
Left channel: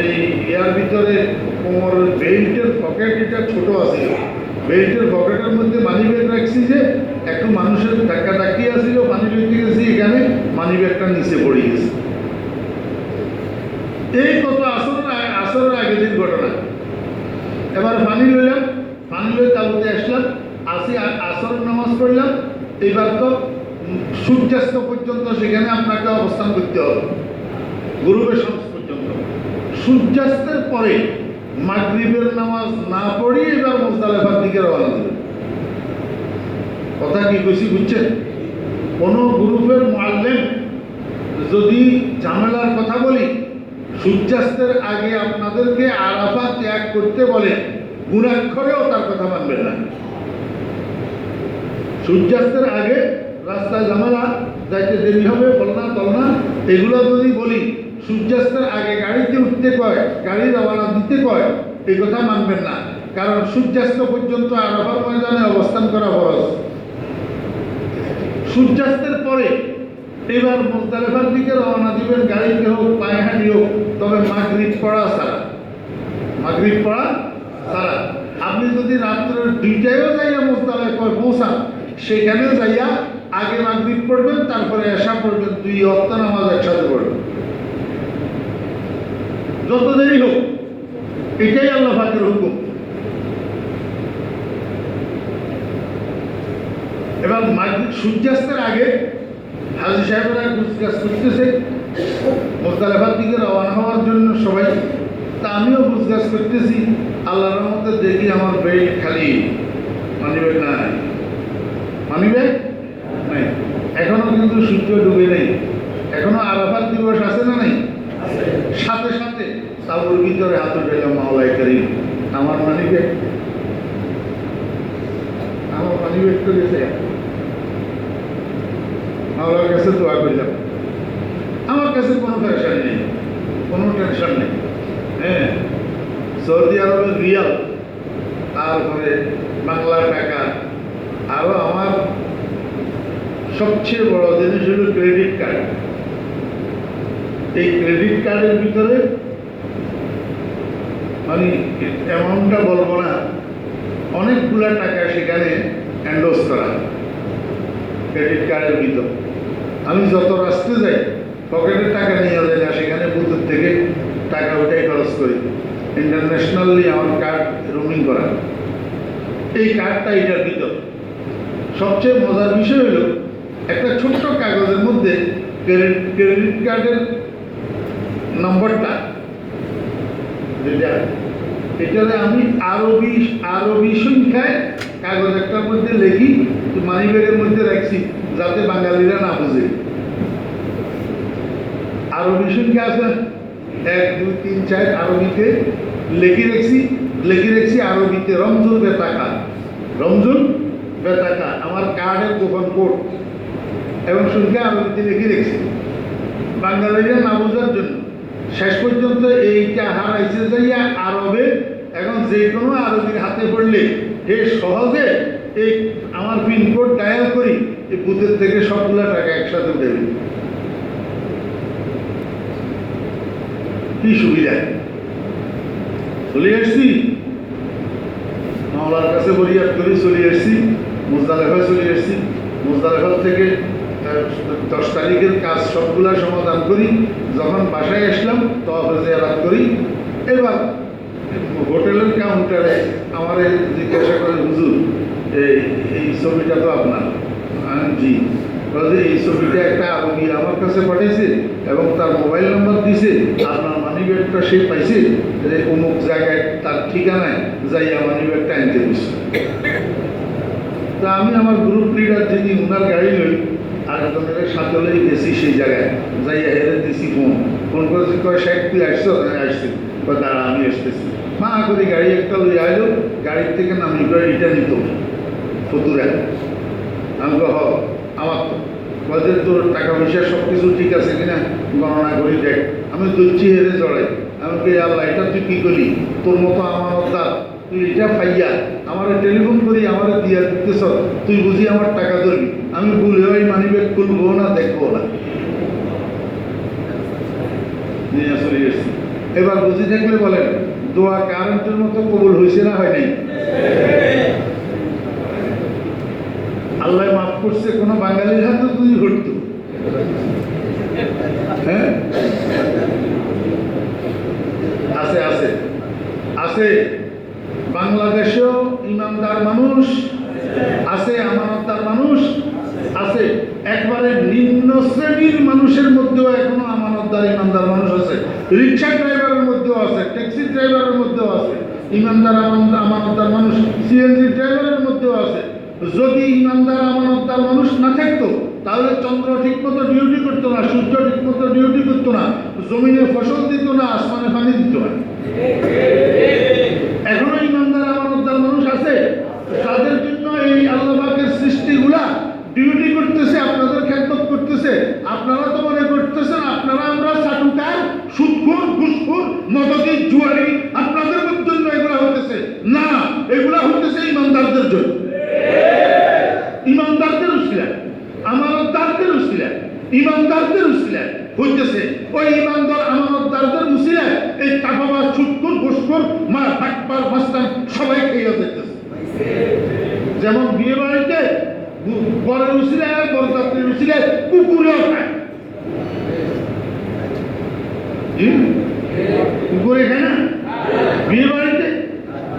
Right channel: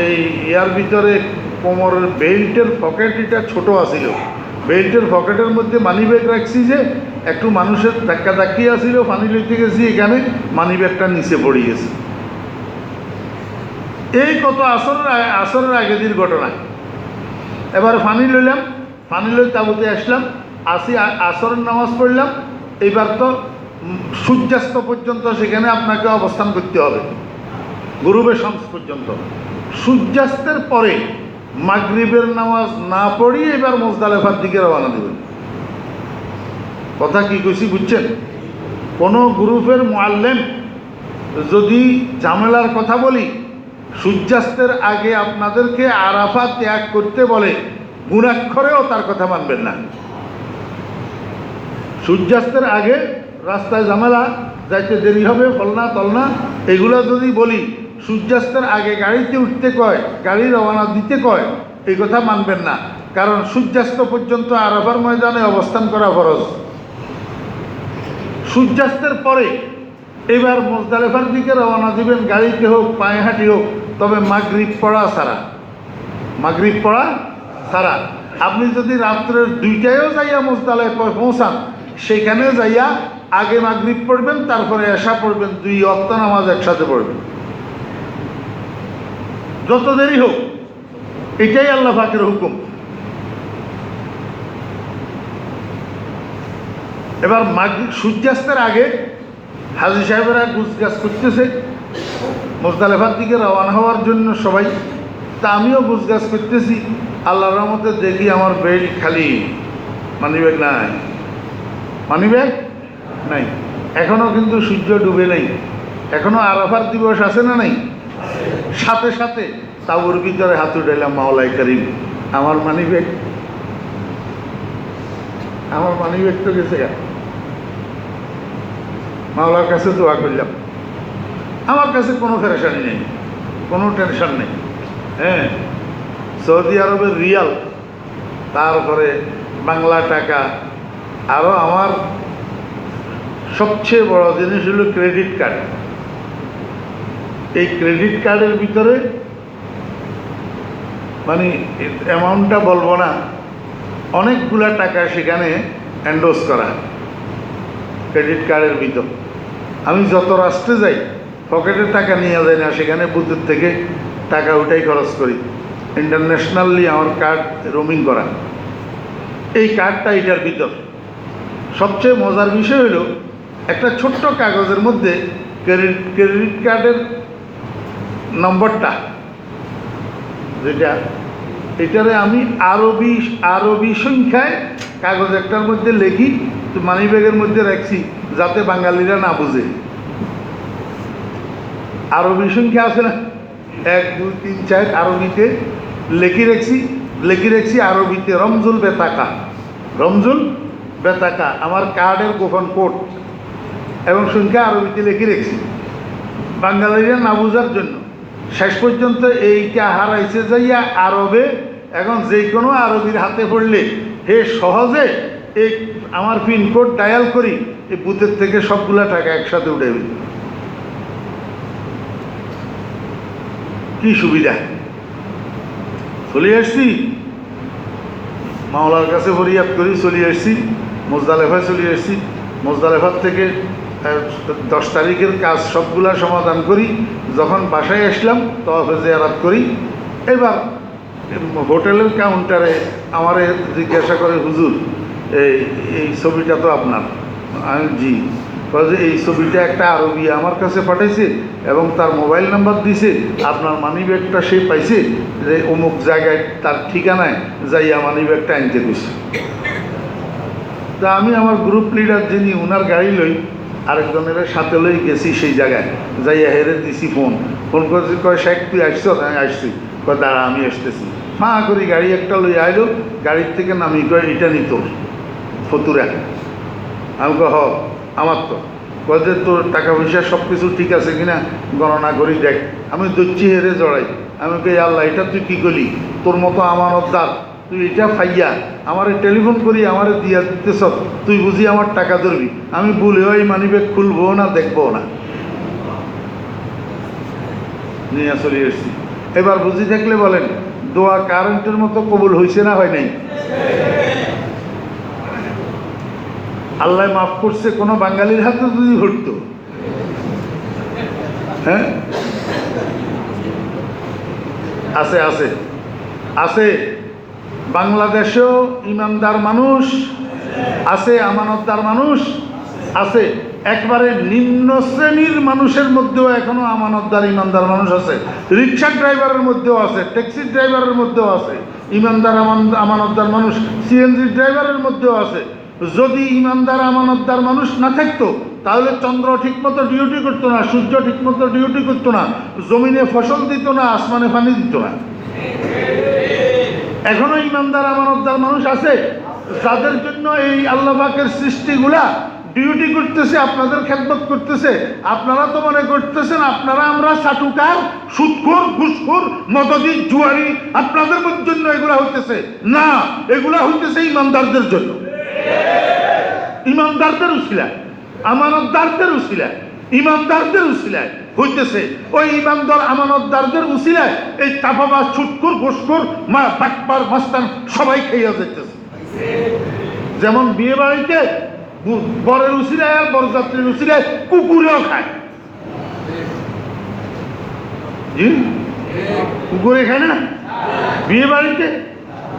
এই ইয়ার ভিতরে কোমরের বেল্টের পকেট এটা ছোটো আছিল, বেল্টের পকেটের মধ্যে মানি ব্যাগ রাখছি, যে একটু মানুষের ধাক্কা ধাক্কি আসছিল, পানি লইতে গেছি, এখানে মানি ব্যাগটা নিচে পড়ে গেছে। এই কত আসরের আগের দিন ঘটনা। এবার পানি লইলাম, পানি লই তাবুতে আসলাম, আসরের নামাজ পড়লাম। এইবার তো সূর্যাস্ত পর্যন্ত সেখানে আপনাকে অবস্থান করতে হবে, গুরুবের শামস পর্যন্ত। সূর্যাস্তের পরে মাগরিবের নামাজ না পড়িয়ে এবার মুজদালিফার দিকে রওনা দেবেন। কথা কি কইছি বুঝছেন? কোনো গ্রুপের মুআল্লিম যদি ঝামেলার কথা বলি, সূর্যাস্তের আগে আপনাদেরকে আরাফা ত্যাগ করতে বলে, গুণাক্ষরেও তার কথা মানবেন না। সূর্যাস্তের আগে রাস্তায় ঝামেলা, যাইতে দেরি হবে, ফলনা তলনা, এগুলো যদি বলি, সূর্যাস্তের আগে গাড়িতে উঠতে কয়, গাড়ি রওনা দিতে কয়, এই কথা মানবেন না। কারণ সূর্যাস্ত পর্যন্ত আরাফার ময়দানে অবস্থান করা ফরজ। সূর্যাস্তের পরে এবার মুজদালিফার দিকে রওনা দিবেন, গাড়িতে হোক পায়ে হাঁটি হোক, তবে মাগরিব পড়া ছাড়া, মাগরিব পড়া ছাড়া। আপনি যদি রাত্রের 2টায়ও যাইয়া মুজদালিফায় পৌঁছান, সেখানেও যাইয়া আগে মাগরিব পড়বেন, তারপরে এশা পড়বেন, 2 ওয়াক্ত নামাজ একসাথে পড়বেন, যত দেরি হোক। এটাই আল্লাহ পাকের হুকুম। এবার মাগরিব সূর্যাস্তের আগে হাজী সাহেবেরা গুছগাছ করতেছে মুজদালিফার দিকে রওনা হওয়ার জন্য সবাই। তা আমিও গুছগাছ করতেছি, আল্লাহর রহমতে দেখি আমার বেল্ট খালি, মানিব্যাগ নাই, মানিব্যাগ নাই। এখনো কিন্তু সূর্য ডুবে নেই, এখনো আরাফাত দিবস আছে না নাই? সাথে সাথে তাবুর ভিতরে হাত উঠাইলাম, মাওলাই করিম আমার মানিব্যাগ, আমার মানিব্যাগ তো গেছে। মাওলার কাছে দোয়া করলাম, আমার কাছে কোনো পেরেশানি নেই, কোনো টেনশন নেই। হ্যাঁ, সৌদি আরবের রিয়াল, তারপরে বাংলা টাকা, আরও আমার সবচেয়ে বড় জিনিস হলো ক্রেডিট কার্ড। এই ক্রেডিট কার্ডের ভিতরে মানে অ্যামাউন্টটা বলবো না, অনেকগুলো টাকা সেখানে এন্ডোজ করা ক্রেডিট কার্ডের ভিতর। আমি যত রাস্তায় যাই পকেটের টাকা নিয়ে যাই না, সেখানে বুথের থেকে টাকা উঠাই খরচ করি। ইন্টারন্যাশনালি আমার কার্ড রোমিং করা, এই কার্ডটা এটার ভিতর। সবচেয়ে মজার বিষয় হলো একটা ছোট্ট কাগজের মধ্যে ক্রেডিট কার্ডের নম্বরটা, যেটা এটারে আমি আরবি সংখ্যায় কাগজ একটার মধ্যে লিখি, মানিব্যাগের মধ্যে রাখছি, যাতে বাঙালিরা না বুঝে। আরবি সংখ্যা আছে না, 1 2 3 4 আরবিতে লিখে রাখছি আরবিতে রমজুল বেতাকা, রমজুল বেতাকা আমার কার্ডের গোপন কোড এবং সংখ্যা আরবিতে লিখে রাখছি। বাঙালিরা না বোঝার জন্য শেষ পর্যন্ত এইটা হারাইছে যাইয়া আরবে। এখন যে কোনো আরবির হাতে পড়লে হে সহজে এই আমার পিনকোড ডায়াল করি, এই বুথের থেকে সবগুলা টাকা একসাথে উঠে দিই। কি সুবিধা! চলে আসছি মাওলার কাছে বরিয়াত করি, চলে আসছি মুজদালেফায়, চলে আসছি মুজদালেফার থেকে 10 তারিখের কাজ সবগুলা সমাধান করি। যখন বাসায় আসলাম তওয়াফে জিয়ারত করি। এবার হোটেলের কাউন্টারে আমার জিজ্ঞাসা করে, হুজুর এই ছবিটা তো আপনার। আমি জি। যে এই ছবিটা একটা আরবি আমার কাছে পাঠাইছে এবং তার মোবাইল নাম্বার দিয়েছে, আপনার মানি ব্যাগটা সে পাইছে যে অমুক জায়গায় তার ঠিকানায় যাইয়া মানি ব্যাগটা আনতে দিচ্ছে। তা আমি আমার গ্রুপ লিডার যিনি, ওনার গাড়ি লই আরেকজনের সাথে লই গেছি সেই জায়গায়, যাইয়া হেরে দিছি ফোন করেছি, কয় শেখ তুই আসছো? আমি আসছি। কয় দাঁড়া আমি আসতেছি। মা করি গাড়ি একটা লই আইলো, গাড়ির থেকে নামি কয় এটা নিত ফতুরা। আমি হ আমার তো বলছে তোর টাকা পয়সা সব কিছু ঠিক আছে কিনা গণনা করি দেখ। আমি দচ্ছি হেরে জড়াই। আমি কে আল্লাহ এটা তুই কী করলি? তোর মতো আমানতদার তুই এটা পাইয়া আমার টেলিফোন করি আমার দিয়া দিতেছ, তুই বুঝি আমার টাকা ধরবি? আমি ভুল হয়ে মানি ব্যাগ খুলবো না, দেখবো না, নিয়ে চলে এসছি। এবার বুঝি দেখলে বলেন দোয়া কারেন্টের মতো কবুল হয়েছে না হয় নাই? আল্লাহ মাফ করছে কোনো বাঙালির হাতে যদি ঘটতো। হ্যাঁ, আছে আছে আছে। বাংলাদেশেও ইমানদার মানুষ আছে, আমানতদার মানুষ আছে। একবারে নিম্ন শ্রেণীর মানুষের মধ্যেও এখনো আমানতদার ইমানদার মানুষ আছে। রিক্সা ড্রাইভারের মধ্যেও আছে, ট্যাক্সি ড্রাইভারের মধ্যেও আছে ইমানদার আমানতদার মানুষ, সিএনজি ড্রাইভারের মধ্যেও আছে। যদি ইমানদার আমানতদার মানুষ না থাকতো তাহলে চন্দ্র ঠিকমতো ডিউটি করতো না, সূর্য ঠিকমতো ডিউটি করতো না, জমিনে ফসল দিত না, আসমানে পানি দিত না। এখনো ইমানদার আমানতদার মানুষ আছে, যাদের জন্য এই আল্লাহ পাকের সৃষ্টিগুলা ডিউটি করতেছে, আপনাদের খেদমত করতেছে। আপনারা তো মনে করতেছেন আপনারা আমরা চাটুকার, সুদখোর, ঘুষখোর, মদদি, জুয়ারি, আপনাদের জন্য এগুলা হইতেছে না, এগুলা হইতেছে ইমানদারদের জন্য। ইমানদারদের উসিলা, আমানতদারদের উসিলা, ইমানদারদের উসিলায় হইতেছে। ওই ইমানদার আমানতদারদের উসিলায় এই কাফাবাজ, ছুটকুর, ঘুষখোর, মা বাটপার, বস্তান সবাই খেয়ে যেতেছে। যেমন বিয়ে বাড়িতে বরের উসিলায় আর বরযাত্রীর উসিলায় কুকুরেও খায়। কুকুরে খায় না বিয়ে বাড়িতে?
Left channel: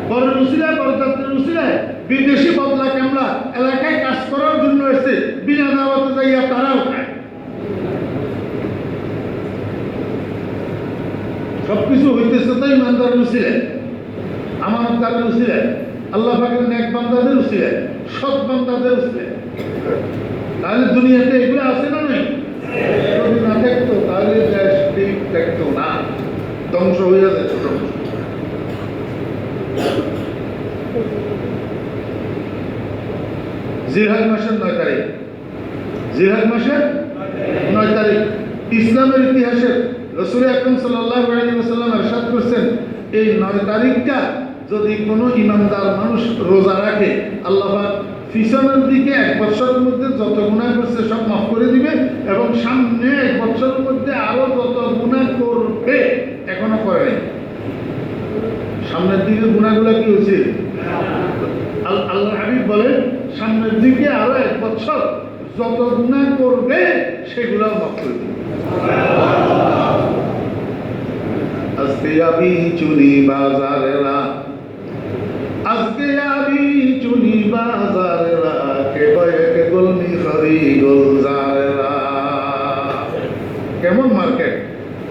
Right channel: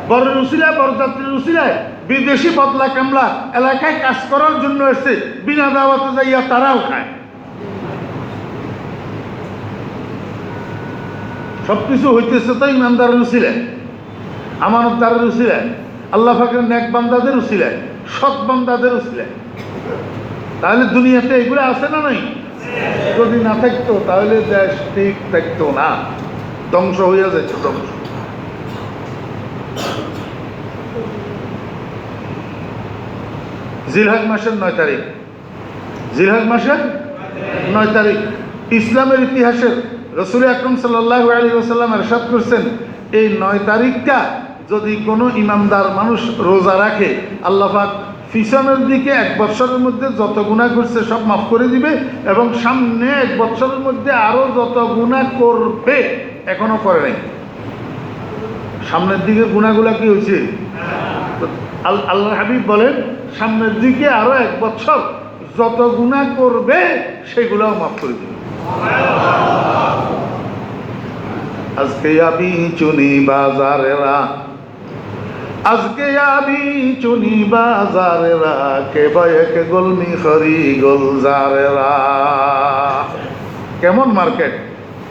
বরের উসিলায়, বরযাত্রীর উসিলায় বিদেশি বদলা কামলা এলাকায় কাজ করার জন্য এসছে, বিনা দাওয়াতে যাইয়া তারাও খায়। সবকিছু হইতেছে তো ইমানদারের উসিলায়, আমানতদারের উসিলায়, আল্লাহ পাকের নেক বান্দাদের উসিলায়, সৎ বান্দাদের উসিলায়। তাহলে দুনিয়াতে এগুলো আছে না নাই? যদি না থাকতো তাহলে দেশ ঠিক থাকতো না, ধ্বংস হইয়া যেত। ধ্বংস। জিলহজ মাসের 9 তারিখ, জিলহজ মাসের 9 তারিখ ইসলামের ইতিহাসের রাসূল আকরাম সাল্লাল্লাহু আলাইহি ওয়াসাল্লাম ইরশাদ করেছেন, এই 9 তারিখটা যদি কোনো ইমানদার মানুষ রোজা রাখে, আল্লাহ পাক পিছনের দিকে 1 বছরের মধ্যে যত গুনাহ করছে সব মাফ করে দিবে এবং সামনে 1 বছরের মধ্যে আরো যত গুনাহ করবে এখনো করে নাই, সামনের দিকে গুনাহগুলো কি হয়েছে? আল্লাহ হাবিব বলেন সামনের দিকে আরো 1 বছর যত গুনাহ করবে সেগুলো মাফ করে দিবে। আজকে আমি চুনি বাজারেরা, আজকে আমি চুনি বাজারেরা, কে বাইকে গোলমি খরি গোলজারেরা। কেমন মার্কেট,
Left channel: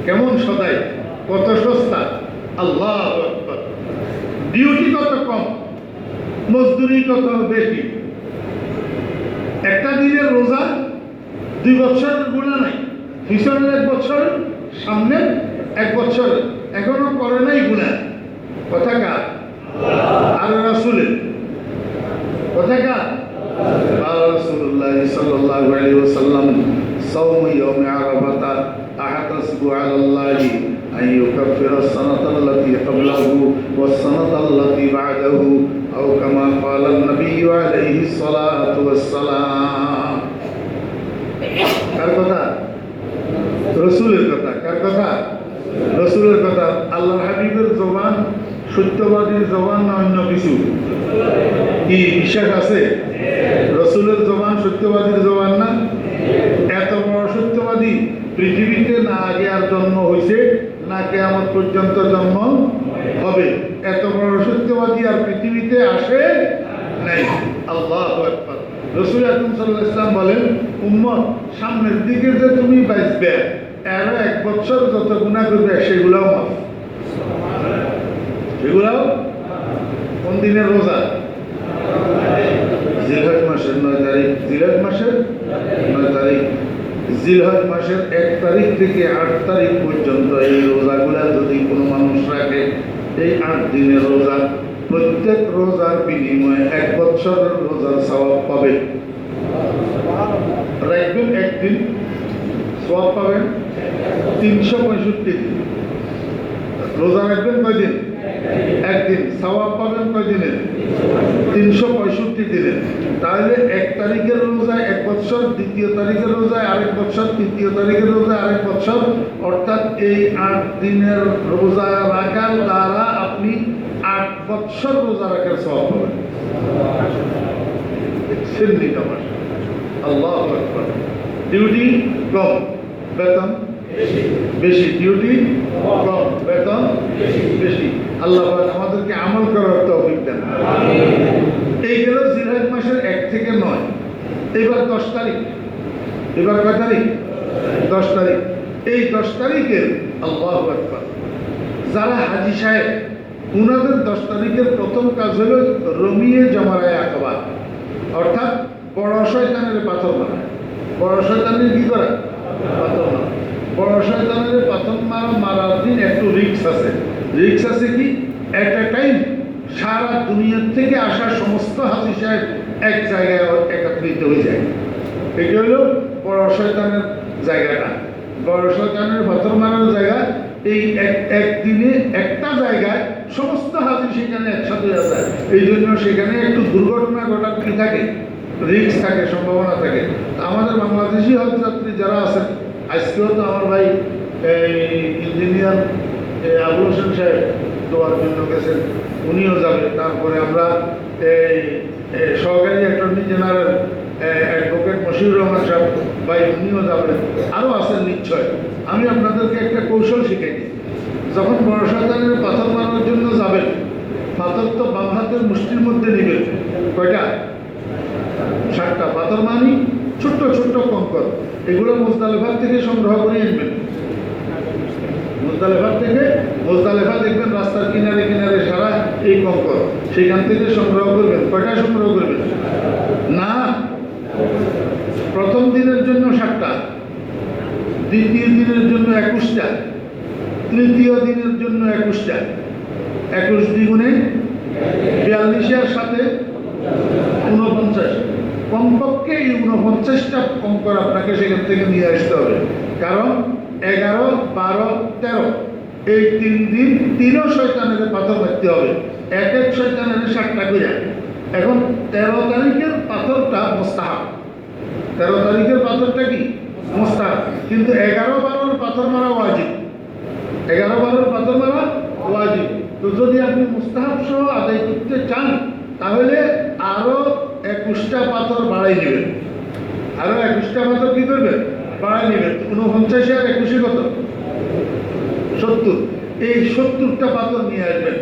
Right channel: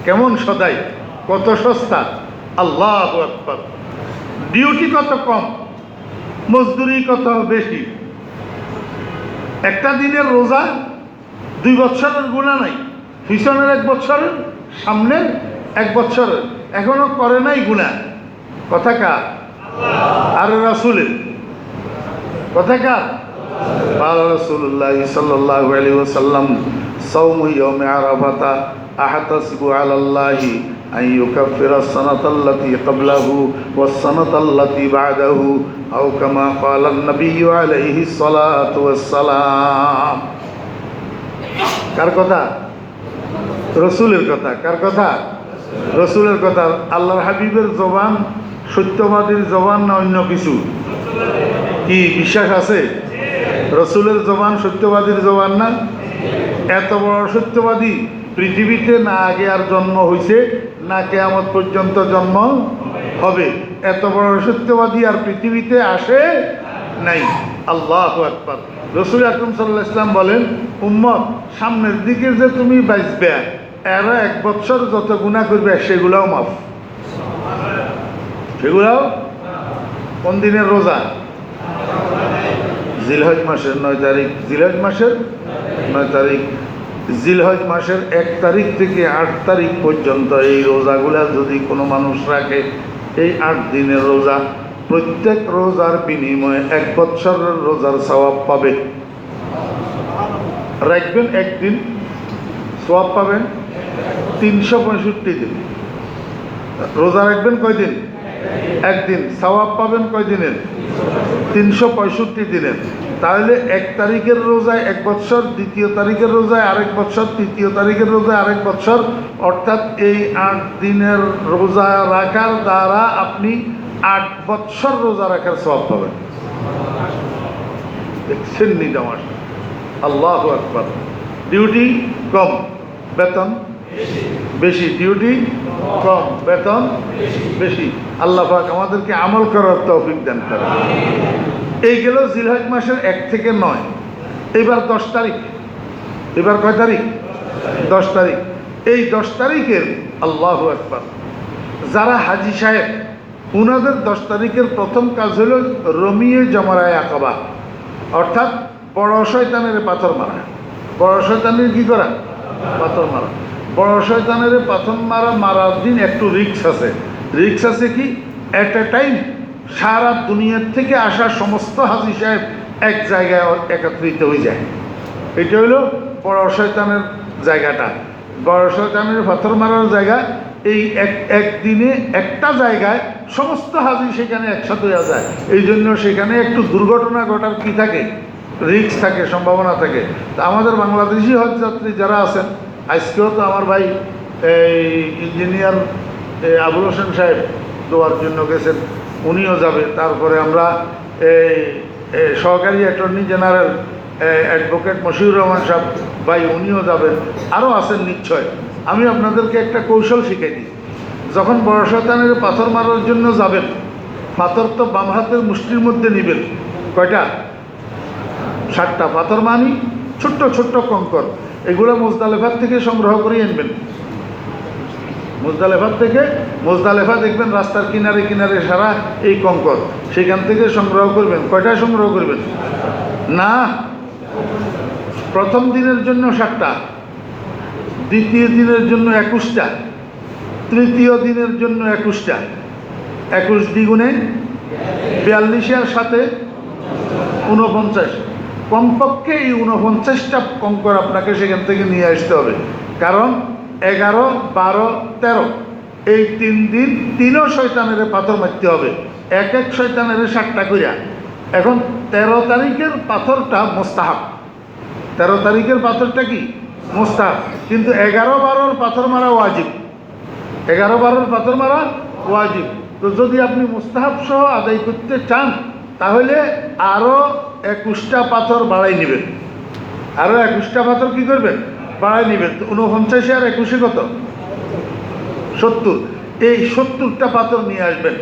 কেমন সদাই, কত সস্তা! আল্লাহু আকবার। ডিউটি কত কম, মজদুরি কত বেশি। একটা দিনের রোজা 2 বছরের গুনাহ নাই, পিছনের 1 বছর, সামনের 1 বছর, এখনো করে নাই গুনাহ। কথা কার? আর রাসূলের কথা কার? রাসূলুল্লাহ সাল্লাল্লাহু আলাইহি ওয়াসাল্লাম সাওম ইয়াউম আরাফা আহতাসিবু আলাল্লাহি আন ইউকাফিরা আস-সানাতা আল্লাতী ক্বাবলাহু ওয়াস-সানাতা আল্লাতী বা'দাহু আও কামা ক্বালা আন-নাবিয়্যু আলাইহিস সালাতু ওয়াস-সালাম। কার কথা? রাসূলের কথা। কার কথা? রাসূলের কথা। আল্লাহর হাবিবের জবান সত্যবাদীর জবান না অন্য কিছু? কি বিশ্বাস আছে? রাসূলের জবান সত্যবাদীর জবান না? এত বড় সত্যবাদী পৃথিবীতে না আগে আর জন্ম হয়েছে না কিয়ামত পর্যন্ত জন্ম হবে। এত বড় সত্যবাদী আর পৃথিবীতে আসে নাই। আল্লাহু আকবার। রাসূল আকরাম সাল্লাল্লাহু আলাইহি ওয়াসাল্লাম বলেন, উম্মত সামনের দিকে যে তুমি বাঁচবে, এরা 1 বছর যত গুনাহ করবে সেগুলাও মাফ। সেগুলাও কোন দিনের রোজা? জিলহজ মাসের 9 তারিখ। জিলহজ মাসের 9 তারিখ। জিলহজ মাসের 1 তারিখ থেকে 8 তারিখ পর্যন্ত এই রোজাগুলা যদি কোনো মানুষ রাখে, এই 8 দিনের রোজা, প্রত্যেক রোজার বিনিময়ে 1 বছরের রোজার সওয়াব পাবে। রাখবেন একদিন, সওয়াব পাবেন 365 দিন। রোজা রাখবেন কয়দিন? একদিন। সওয়াব পাবেন কয় দিনের? 365 দিনের। তাহলে 1 তারিখের রোজায় 1 বছর, 2য় তারিখের রোজায় আরেক বছর, 3য় তারিখের রোজায় আরেক বছর, অর্থাৎ এই 8 দিনের রোজা রাখার দ্বারা আপনি 8 বছর রোজা রাখার সওয়াব পাবেন। দেখছেন নিদামাস? আল্লাহু আকবার। ডিউটি কম, বেতন বেশি। ডিউটি কম, বেতন বেশি। আল্লাহ পাক আমাদেরকে আমল করার তৌফিক দেন। এই গেল জিলহজ মাসের 1 থেকে 9। এবার 10 তারিখ। এবার কয় তারিখ? 10 তারিখ। এই 10 তারিখের আল্লাহু আকবার, যারা হাজী সাহেব, উনাদের 10 তারিখের প্রথম কাজ হলো রমিয়ে জামরায়ে আকাবা, অর্থাৎ বড় শয়তানের পাথর মারা। বড় শয়তানের কি করা? পাথর মারা। বড় শয়তানের পাথর মারার দিন একটু রিস্ক আছে। রিস্ক আছে কি? এট এ টাইম সারা দুনিয়ার থেকে আসা সমস্ত হাজী সাহেব এক জায়গায় একত্রিত হয়ে যায়। এটা হলো বড় শয়তানের জায়গাটা। বড় শয়তানের পাথর মারার জায়গা এই একদিনে একটা জায়গায় সমস্ত হাজী সেখানে একসাথে হয়ে যায়। এই জন্য সেখানে একটু দুর্ঘটনা ঘটার কি থাকে? রিস্ক থাকে, সম্ভাবনা থাকে। তা আমাদের বাংলাদেশি হজ যাত্রী যারা আছেন, আজকেও তো আমার ভাই এই ইঞ্জিনিয়ার আবুল হোসেন সাহেব দোয়ার জন্য গেছেন, উনিও যাবেন। তারপরে আমরা এই সহকারী attorney general advocate Moshiur Rahman সাহেব ভাই, উনিও যাবেন। আরও আছেন নিশ্চয়। আমি আপনাদেরকে একটা কৌশল শিখাই দিই। যখন বড় শয়তানের পাথর মারার জন্য যাবেন, পাথর তো বাম হাতের মুষ্টির মধ্যে নেবেন। কয়টা? 7টা পাথর মানি, ছোট্ট ছোট্ট কঙ্কর। এগুলো মুজদালেফার থেকে সংগ্রহ করে আনবেন। মুজদালেফার থেকে, মুজদালেফা দেখবেন রাস্তার কিনারে কিনারে সারা এই কঙ্কর, সেখান থেকে সংগ্রহ করবেন। কয়টা সংগ্রহ করবেন? না, প্রথম দিনের জন্য 7টা, দ্বিতীয় দিনের জন্য 21টা, তৃতীয় দিনের জন্য 21টা। 21 দ্বিগুণে 42, এর সাথে 49। কমপক্ষে এই 49টা কঙ্কর আপনাকে সেখান থেকে নিয়ে আসতে হবে। কারণ 11, 12, 13 এই 3 দিন 3 শয়তানের পাথর মারতে হবে। এক শয়তানের 7টা করে। এখন 13 তারিখের পাথরটা মুস্তাহাব। 13 তারিখের পাথরটা কি? মুস্তাহাব। কিন্তু 11, 12 পাথর মারা ওয়াজিব। 11, 12 পাথর মারা ওয়াজিব। তো যদি আপনি মুস্তাহাব সহ আদায় করতে চান, তাহলে আরও 21টা পাথর বাড়াই নেবেন। আরও 21টা পাথর কি করবেন? বাড়াই নেবেন। 49 আর 21 কত? 70। এই 70টা পাথর নিয়ে আসবেন।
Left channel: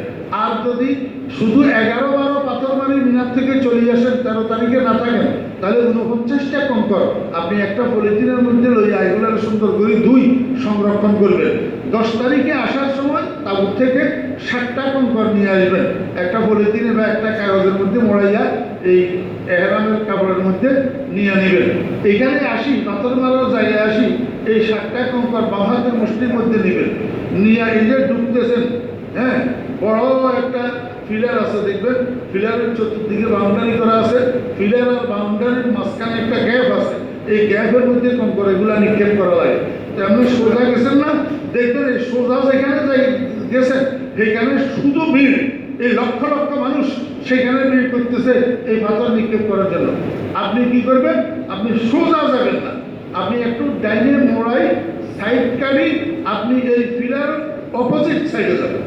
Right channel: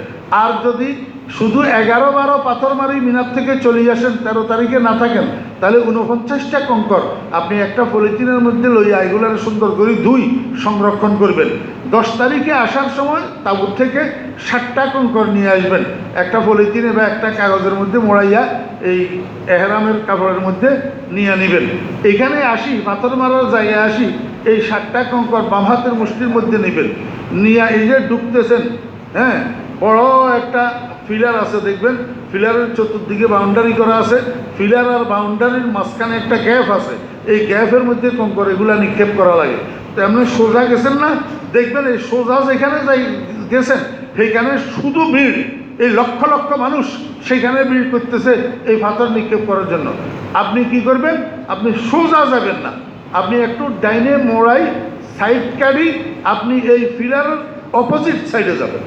আর যদি শুধু 11, 12 পাথর মারি মিনার থেকে চলে আসেন, 13 তারিখে না থাকেন, তাহলে 49টা কঙ্কর আপনি একটা পলিথিনের মধ্যে লইয়া এগুলোর সুন্দর করে ধুই সংরক্ষণ করবেন। 10 তারিখে আসার সময় তাবুত থেকে 7টা কঙ্কর নিয়ে আসবেন, একটা পলিথিনে বা একটা কাগজের মধ্যে মোড়াইয়া এই এহরামের কাপড়ের মধ্যে নিয়ে নেবেন। এখানে আসি, পাথর মারার জায়গায় আসি, এই 7টা কঙ্কর বাম হাতের মুষ্টির মধ্যে নেবেন। নিয়ে এই যে ঢুকতেছেন, হ্যাঁ, বড় একটা ফিলার আছে দেখবেন, ফিলারের চতুর্দিকে বাউন্ডারি করা আছে। ফিলার আর বাউন্ডারির মাঝখানে একটা গ্যাপ আছে। এই গ্যাপের মধ্যে কঙ্কর এগুলা নিক্ষেপ করা লাগে। তো এমনি সোজা গেছেন না, দেখবেন এই সোজা যেখানে যাই গেছেন সেইখানে শুধু ভিড়, এই লক্ষ লক্ষ মানুষ সেখানে ভিড় করতেছে এই পাথর নিক্ষেপ করার জন্য। আপনি কি করবেন? আপনি সোজা যাবেন না, আপনি একটু ডাইনে মোড়াই সাইড কাটি, আপনি এই পিলারের অপোজিট সাইডে যাবেন,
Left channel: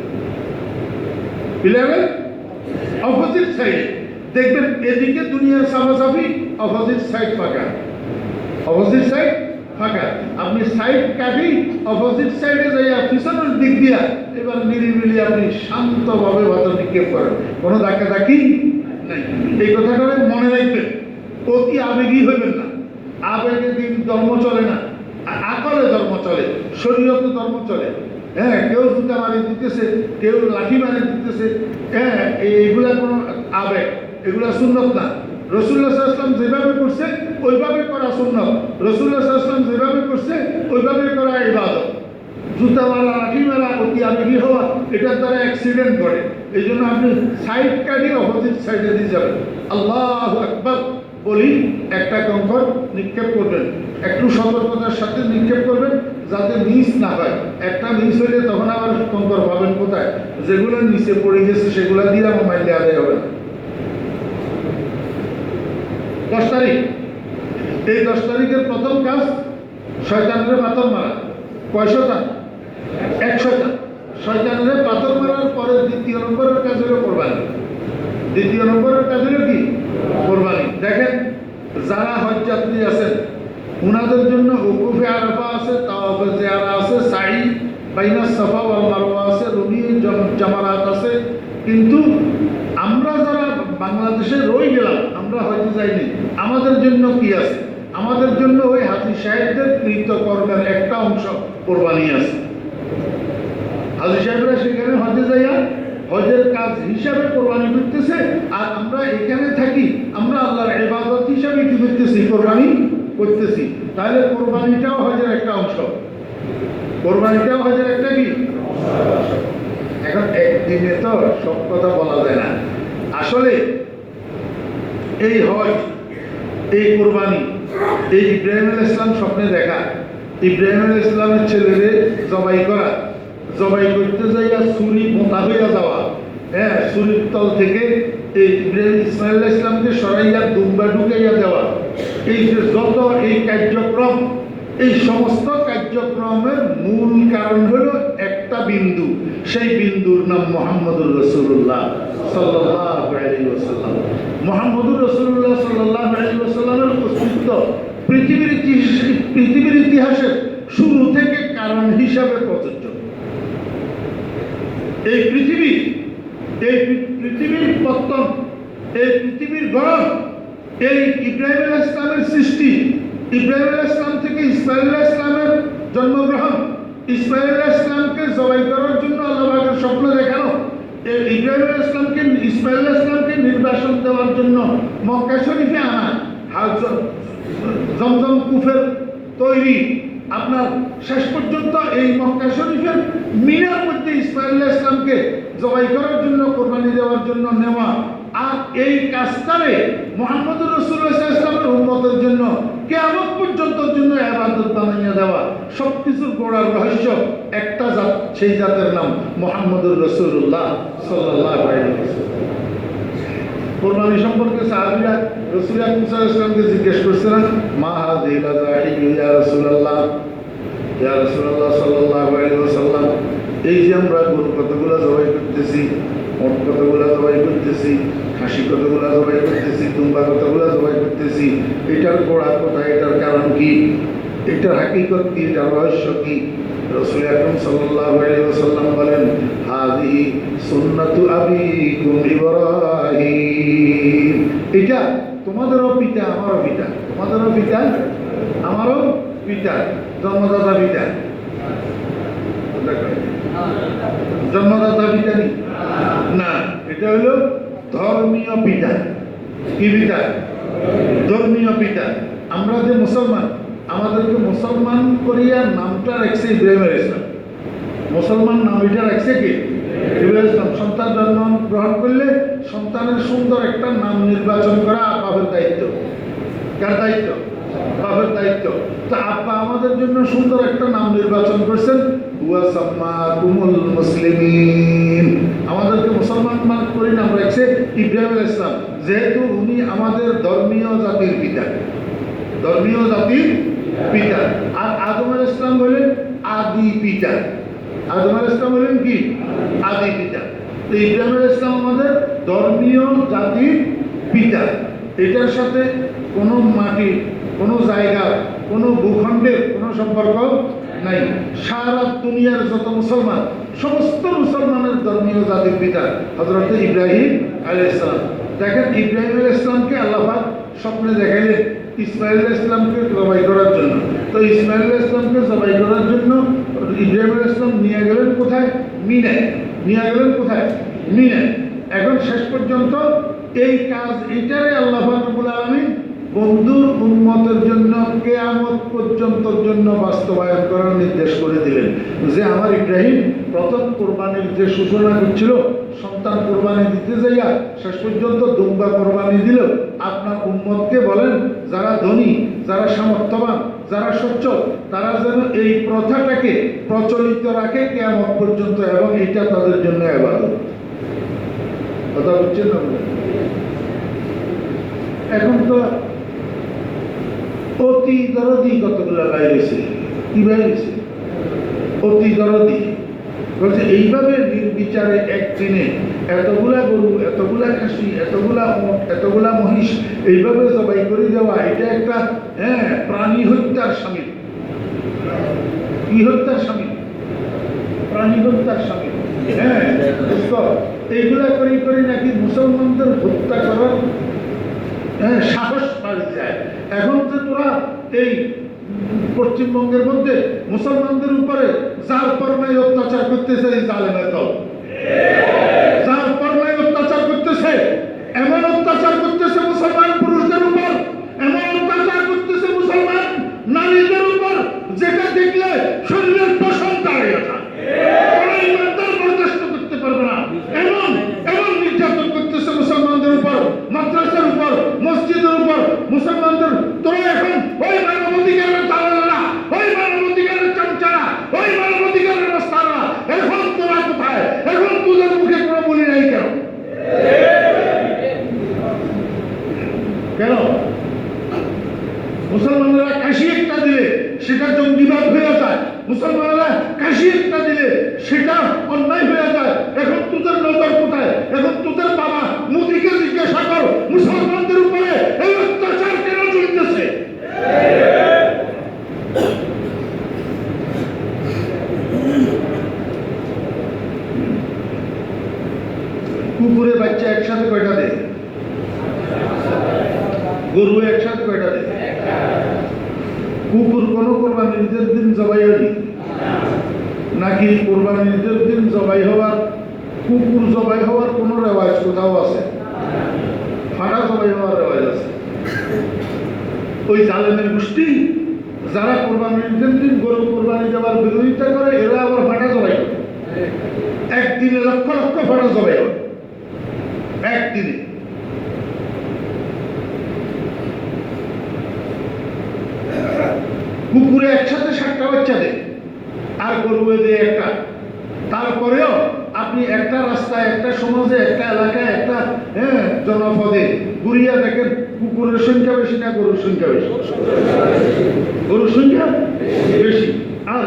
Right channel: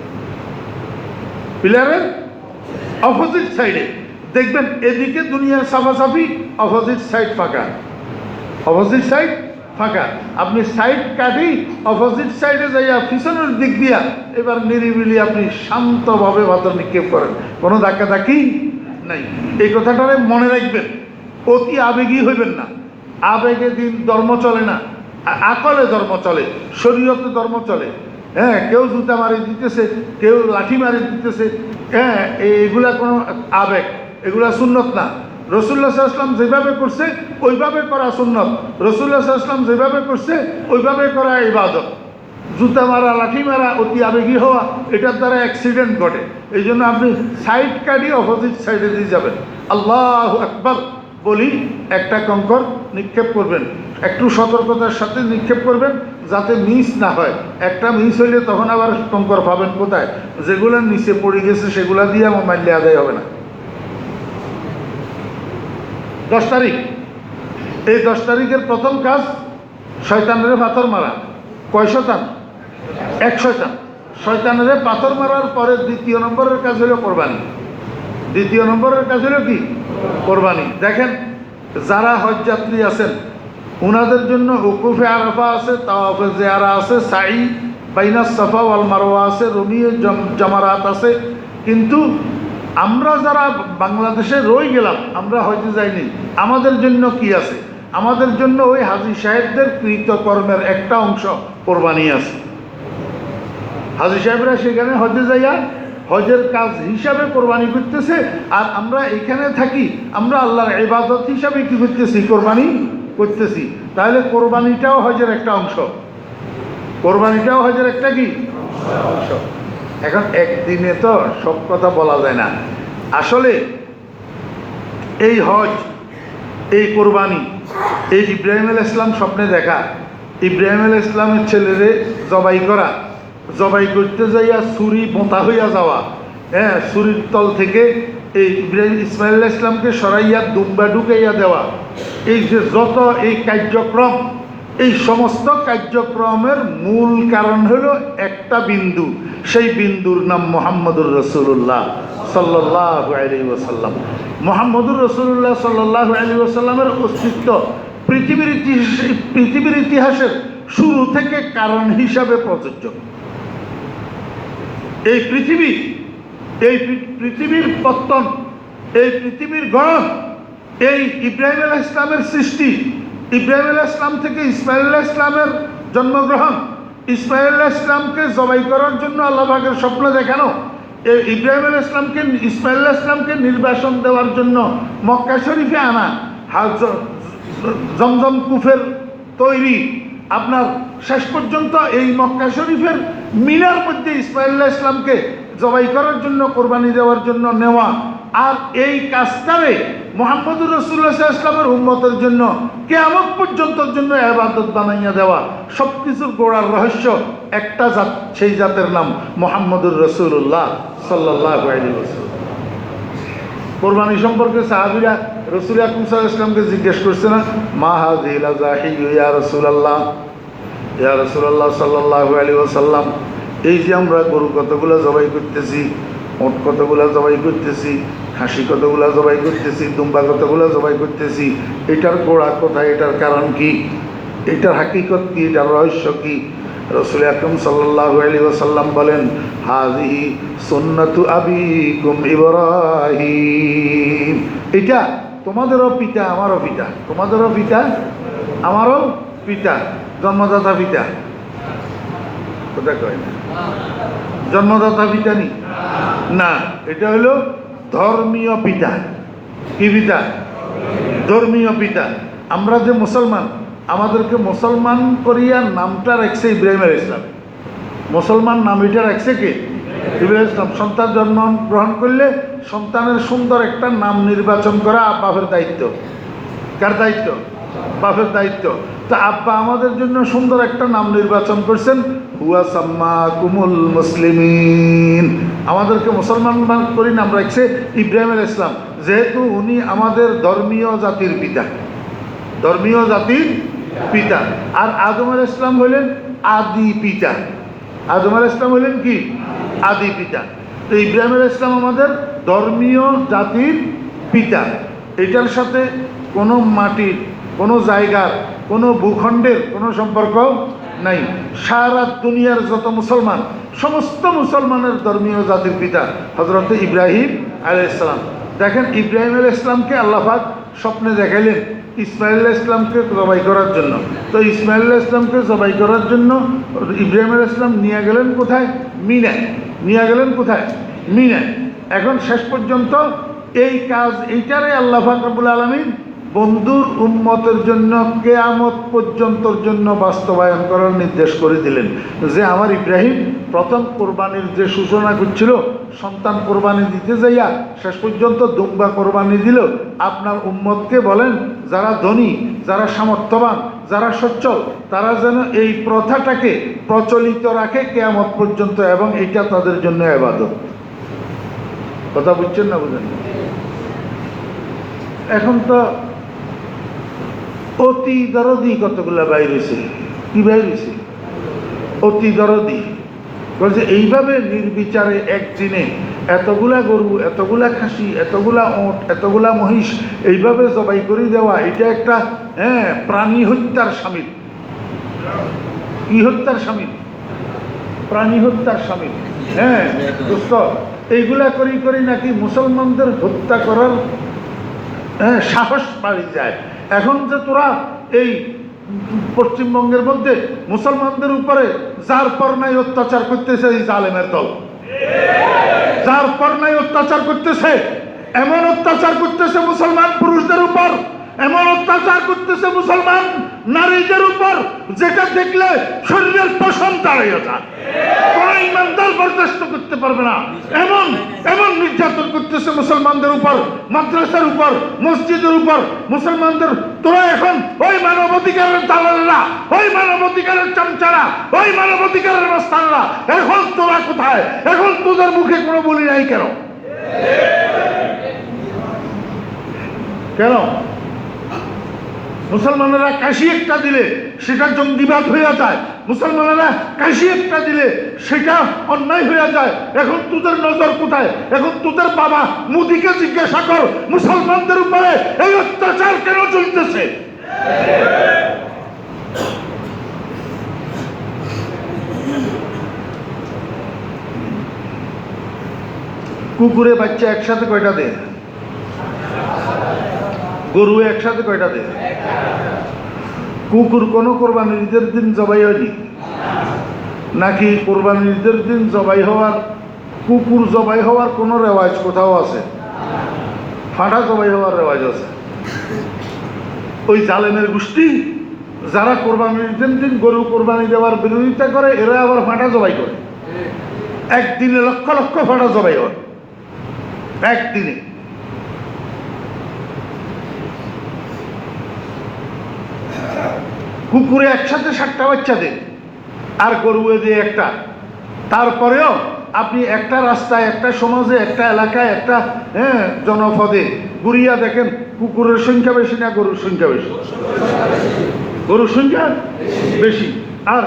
পিলারের অপোজিট সাইডে দেখবেন এদিকে দুনিয়ার সাফাসাফি, অপোজিট সাইড ফাঁকা, অপোজিট সাইড ফাঁকা। আপনি সাইড কাটি অপোজিট সাইডে যাইয়া পিছনের দিক দিয়া এবার নিরিবিলি আপনি শান্তভাবে পাথর নিক্ষেপ করেন, কোনো ধাক্কাধাক্কি নাই। এই কথাটা মনে রাখবেন, অতি আবেগী হইবেন না। আবেগে দিন ধর্ম চলে না, আকলে ধর্ম চলে, শরীয়তে ধর্ম চলে। হ্যাঁ, কেউ জুতা মারি দিতেছে, কেউ লাঠি মারি দিতেছে, হ্যাঁ, এগুলা কোনো আবেগ, এগুলা সুন্নত না। রাসূলুল্লাহ সাল্লাল্লাহু আলাইহি ওয়াসাল্লাম যেভাবে করছে ওইভাবে করা সুন্নত, রাসূলুল্লাহ সাল্লাল্লাহু আলাইহি ওয়াসাল্লাম যেভাবে করছে ওইভাবে করা ইবাদত। জুতা মারা, লাঠি মারা, অতি আবেগী হওয়া, এটার দ্বারা অ্যাক্সিডেন্ট ঘটে। এই জন্য আপনি সাইড কাটিয়ে অপোজিট সাইডে দিয়ে যাবেন, আল্লাহু আকবার বলি একটা কঙ্কর নিক্ষেপ করবেন, একটু সতর্কতার সাথে নিক্ষেপ করবেন যাতে মিস না হয়। একটা মিস হইলে তখন আবার কঙ্কর পাবেন কোথায়? যেগুলো নিচে পড়ে গেছে সেগুলা দিয়ে আমার মাইনে আদায় হবে না। 10 তারিখ, এই 10 তারিখের প্রথম কাজ শয়তানের পাথর মারা। কয় শয়তান? 1 শয়তান। শয়তানের পাথর মারার পরে দ্বিতীয় নম্বরের কাজ হলো কোরবানি। দ্বিতীয় নম্বরের কাজ হলো কি? কোরবানি। দেখেন, যারা হজ যাত্রী আছেন ওনাদের জন্য উকুফে আরাফা আছে, তাওয়াফে জিয়ারা আছে, সাই বাইনা সাফা ওয়াল মারওয়া আছে, রমিয়ে জামারাত আছে। কিন্তু আমরা যারা বাংলাদেশে রয়ে গেলাম, আমরা হজে যাইনি, আমাদের জন্য কি আছে? আমাদের জন্য ওই হাজী সাহেবদের কৃতকর্মের একটা অংশ কোরবানি আছে। হাজী সাহেবরা সেখানে হজে যাইয়া হজের কাজ হিসাবে কোরবানি করতেছে, আর আমরা এখানে থাকি, আমরা আল্লাহর ইবাদত হিসাবে কি করতেছি? কোরবানি করতেছি। তাহলে কোরবানিটাও হজের একটা অংশ, কোরবানিটাও হজের একটা কি? এখন একদিনে তো সব কথা বলা যায় না। আসলে এই হজ, এই কোরবানি, এই ইব্রাহিম আলাইহিস সালাম স্বপ্নে দেখা, ইব্রাহিম আলাইহিস সালামের ছেলেরে জবাই করা, জবাই করতে যাইয়া ছুরি বোঁতা হইয়া যাওয়া, হ্যাঁ, ছুরির তল থেকে এই ইব্রাহিম ইসমাইল আলাইহিস সালামকে সরাইয়া দুম্বা ঢুকাইয়া দেওয়া, এই যে যত এই কার্যক্রম, এই সমস্ত কার্যক্রমের মূল কারণ হলো একটা বিন্দু, সেই বিন্দুর নাম মুহাম্মদুর রাসূলুল্লাহ সাল্লাল্লাহু আলাইহি ওয়াসাল্লাম। মুহাম্মদুর রাসূলুল্লাহ সাল্লাল্লাহু আলাইহি ওয়াসাল্লামের অস্তিত্ব পৃথিবীর ইতিহাসের শুরু থেকে কারণ হিসাবে প্রযোজ্য। এই পৃথিবীর পত্তন, এই পৃথিবীর গড়ন, এই ইব্রাহিম আলাইহিস সালামের সৃষ্টি, ইব্রাহিম আলাইহিস সালাম থেকে ইসমাইল আলাইহিস সালামের জন্মগ্রহণ, ইসমাইল আলাইহিস সালামকে জবাই করার জন্য আল্লাহ পাকের স্বপ্ন দেখানো, এই ইব্রাহিম আলাইহিস সালামকে, ইসমাইল আলাইহিস সালামকে নির্বাসন দেওয়ার জন্য মক্কা শরীফে আনা, জমজম কুফের তৈরি, আপনার শেষ পর্যন্ত এই মক্কা শরীফের মিনার মধ্যে ইসমাইল আলাইহিস সালামকে জবাই করার জন্য, কোরবানি দেওয়ার জন্য নেওয়া, আর এই কাজটারে মুহাম্মদুর রাসূলুল্লাহ সাল্লাল্লাহু আলাইহি ওয়াসাল্লামের উম্মতের জন্য কিয়ামত পর্যন্তর জন্য ইবাদত বানাইয়া দেওয়া, সবকিছুর গোড়ার রহস্য একটা জাত, সেই জাতের নাম মুহাম্মদুর রাসূলুল্লাহ সাল্লাল্লাহু আলাইহি ওয়াসাল্লাম। কোরবানি সম্পর্কে সাহাবীরা রাসূল আকরাম সাল্লাল্লাহু আলাইহি ওয়াসাল্লামকে জিজ্ঞেস করছিলেন, মা হাযিহিল আযাহি ইয়া রাসূলুল্লাহ, ইয়া রাসূলুল্লাহ সাল্লাল্লাহু আলাইহি ওয়াসাল্লাম, এই যে আমরা গরু কতগুলো জবাই করতেছি, ওট কতগুলো জবাই করতেছি, খাসি কতগুলো জবাই করতেছি, দুম্বা কতগুলো জবাই করতেছি, এটার গোড়া কোথায়, এটার কারণ কি, এটার হাকিকত কি, এটার রহস্য কি? রাসূল আকরাম সাল্লাল্লাহু আলাইহি ওয়াসাল্লাম বলেন, হাযিহি সুন্নাতু আবিকুম ইব্রাহিম, এটা তোমাদেরও পিতা আমারও পিতা, তোমাদেরও পিতা আমারও পিতা, জন্মদাতা পিতা। জন্মদাতা পিতা নি না, এটা হলো ধর্মীয় পিতা। কি পিতা? ধর্মীয় পিতা। আমরা যে মুসলমান, আমাদেরকে মুসলমান করিয়া নামটা রাখছে ইব্রাহিম আলাইহিস সালাম। মুসলমান নাম এটা রাখছে কি? ইব্রাহিম আলাইহিস সালাম। সন্তান জন্ম গ্রহণ করলে সন্তানের সুন্দর একটা নাম নির্বাচন করা বাবার দায়িত্ব। কার দায়িত্ব? বাপের দায়িত্ব। তা আব্বা আমাদের জন্য সুন্দর একটা নাম নির্বাচন করছেন, হুয়া সাম্মাকুমুল মুসলিমিন। আমাদেরকে মুসলমান করি নাম রাখছে ইব্রাহিম আলাইহিস সালাম, যেহেতু উনি আমাদের ধর্মীয় জাতির পিতা, ধর্মীয় জাতির পিতা। আর আদম আলাইহিস সালাম হলেন আদি পিতা। আদম আলাইহিস সালাম হলেন কি? আদি পিতা। তো ইব্রাহিম আলাইহিস সালাম আমাদের ধর্মীয় জাতির পিতা। এটার সাথে কোনো মাটির, কোনো জায়গার, কোনো ভূখণ্ডের কোনো সম্পর্ক নাই। সারা দুনিয়ার যত মুসলমান, সমস্ত মুসলমানের ধর্মীয় জাতির পিতা হযরত ইব্রাহিম আলাইহিস সালাম। দেখেন, ইব্রাহিম আলাইহিস সালামকে আল্লাহ পাক স্বপ্নে দেখাইলেন ইসমাইল আলাইহিস সালামকে জবাই করার জন্য। তো ইসমাইল আলাইহিস সালামকে জবাই করার জন্য ইব্রাহিম আলাইহিস সালাম নিয়ে গেলেন কোথায়? মিনায়। নিয়ে গেলেন কোথায়? মিনায়। এখন শেষ পর্যন্ত এই কাজ, এইটারে আল্লাহ পাক রব্বুল আলামিন বন্ধুর উম্মতের জন্য কিয়ামত পর্যন্তর জন্য বাস্তবায়ন করার নির্দেশ করে দিলেন। যে আমার ইব্রাহিম প্রথম কোরবানির যে সূচনা করছিল, সন্তান কোরবানি দিতে যাইয়া শেষ পর্যন্ত দুম্বা কোরবানি দিল। আপনার উম্মতকে বলেন, যারা ধনী, যারা সামর্থ্যবান, যারা সচ্ছল, তারা যেন এই প্রথাটাকে প্রচলিত রাখে কিয়ামত পর্যন্ত, এবং এটা তাদের জন্য ইবাদত। কথা বুঝছেন না? বলেন। এখন তো অতি দরদি কতগুলো বাইরেছে। কি বাইরেছে? অতি দরদি বলছে এইভাবে নির্বিচারে একদিনে এতগুলা গরু, এতগুলা খাসি, এতগুলা ওট, এতগুলা মহিষ এইভাবে জবাই করে দেওয়া, এটা একটা প্রাণী হত্যার শামিল। কি হত্যার শামিল? প্রাণী হত্যার শামিল। এইগুলা করি করি নাকি মুসলমানদের হত্যা করার সাহস বাড়ি যায়। এখন যে তোরা এই পশ্চিমবঙ্গের মধ্যে মুসলমানদের উপরে যার পর নাই অত্যাচার করতেছে, এই জালেমের দল যার পর নাই অত্যাচার করতেছে, এমন অত্যাচার করতেছে মুসলমান পুরুষদের উপর, এমন অত্যাচার করতেছে মুসলমান নারীদের উপর, যেটা দেখলে শরীরের পশম দাঁড়িয়ে যায়। ইমানদার বরদাস্ত করতে পারবে না। এমন এমন নির্যাতন করতেছে মুসলমানদের উপর, মাদ্রাসার উপর, মসজিদের উপর। মুসলমানদের তোরা এখন ওই মানবাধিকারের দালালরা, ওই মানবাধিকারের চামচারা, ওই মানবাধিকারের মাস্টাররা, এখন তোরা কোথায়? এখন তোদের মুখে কোনো বলি নাই কেন? কেন? মুসলমানেরা কাশি একটা দিলে সেটা জঙ্গিবাদ হয়ে যায়, মুসলমানেরা কাশি একটা দিলে সেটা অন্যায় হয়ে যায়। এখন তোদের নজর কোথায়? এখন তোদের বাবা মোদিকে জিজ্ঞাসা কর, মুসলমানদের উপরে এই অত্যাচার কেন চলতেছে? কুকুরে বাচ্চা একসাথে কয়টা দেয়? গরু একসাথে কয়টা দেয়? কুকুর কোনো কোরবানির ঈদের দিন জবাই হয়নি নাকি? কোরবানির ঈদের দিন জবাই হওয়ার, কুকুর জবাই হওয়ার কোনো রেওয়াজ কোথাও আছে? ফাটা জবাই হওয়ার রেওয়াজ আছে। ওই জালেমের গোষ্ঠী যারা কোরবানির ঈদের দিন গরু কোরবানি দেওয়ার বিরোধিতা করে, এরা আবার ফাটা জবাই করে। একদিনে লক্ষ লক্ষ ফাটা জবাই হয় একদিনে। কুকুরে একসাথে 7টা বাচ্চা দেয় আর গরু দিয়ে একটা। তারপরেও আপনি একটা রাস্তায়, একটা সমাজে, একটা এলাকায়, একটা জনপদে ঘুরিয়া দেখেন, কুকুরের সংখ্যা বেশি না গরুর সংখ্যা বেশি? গরুর সংখ্যা বেশি। আর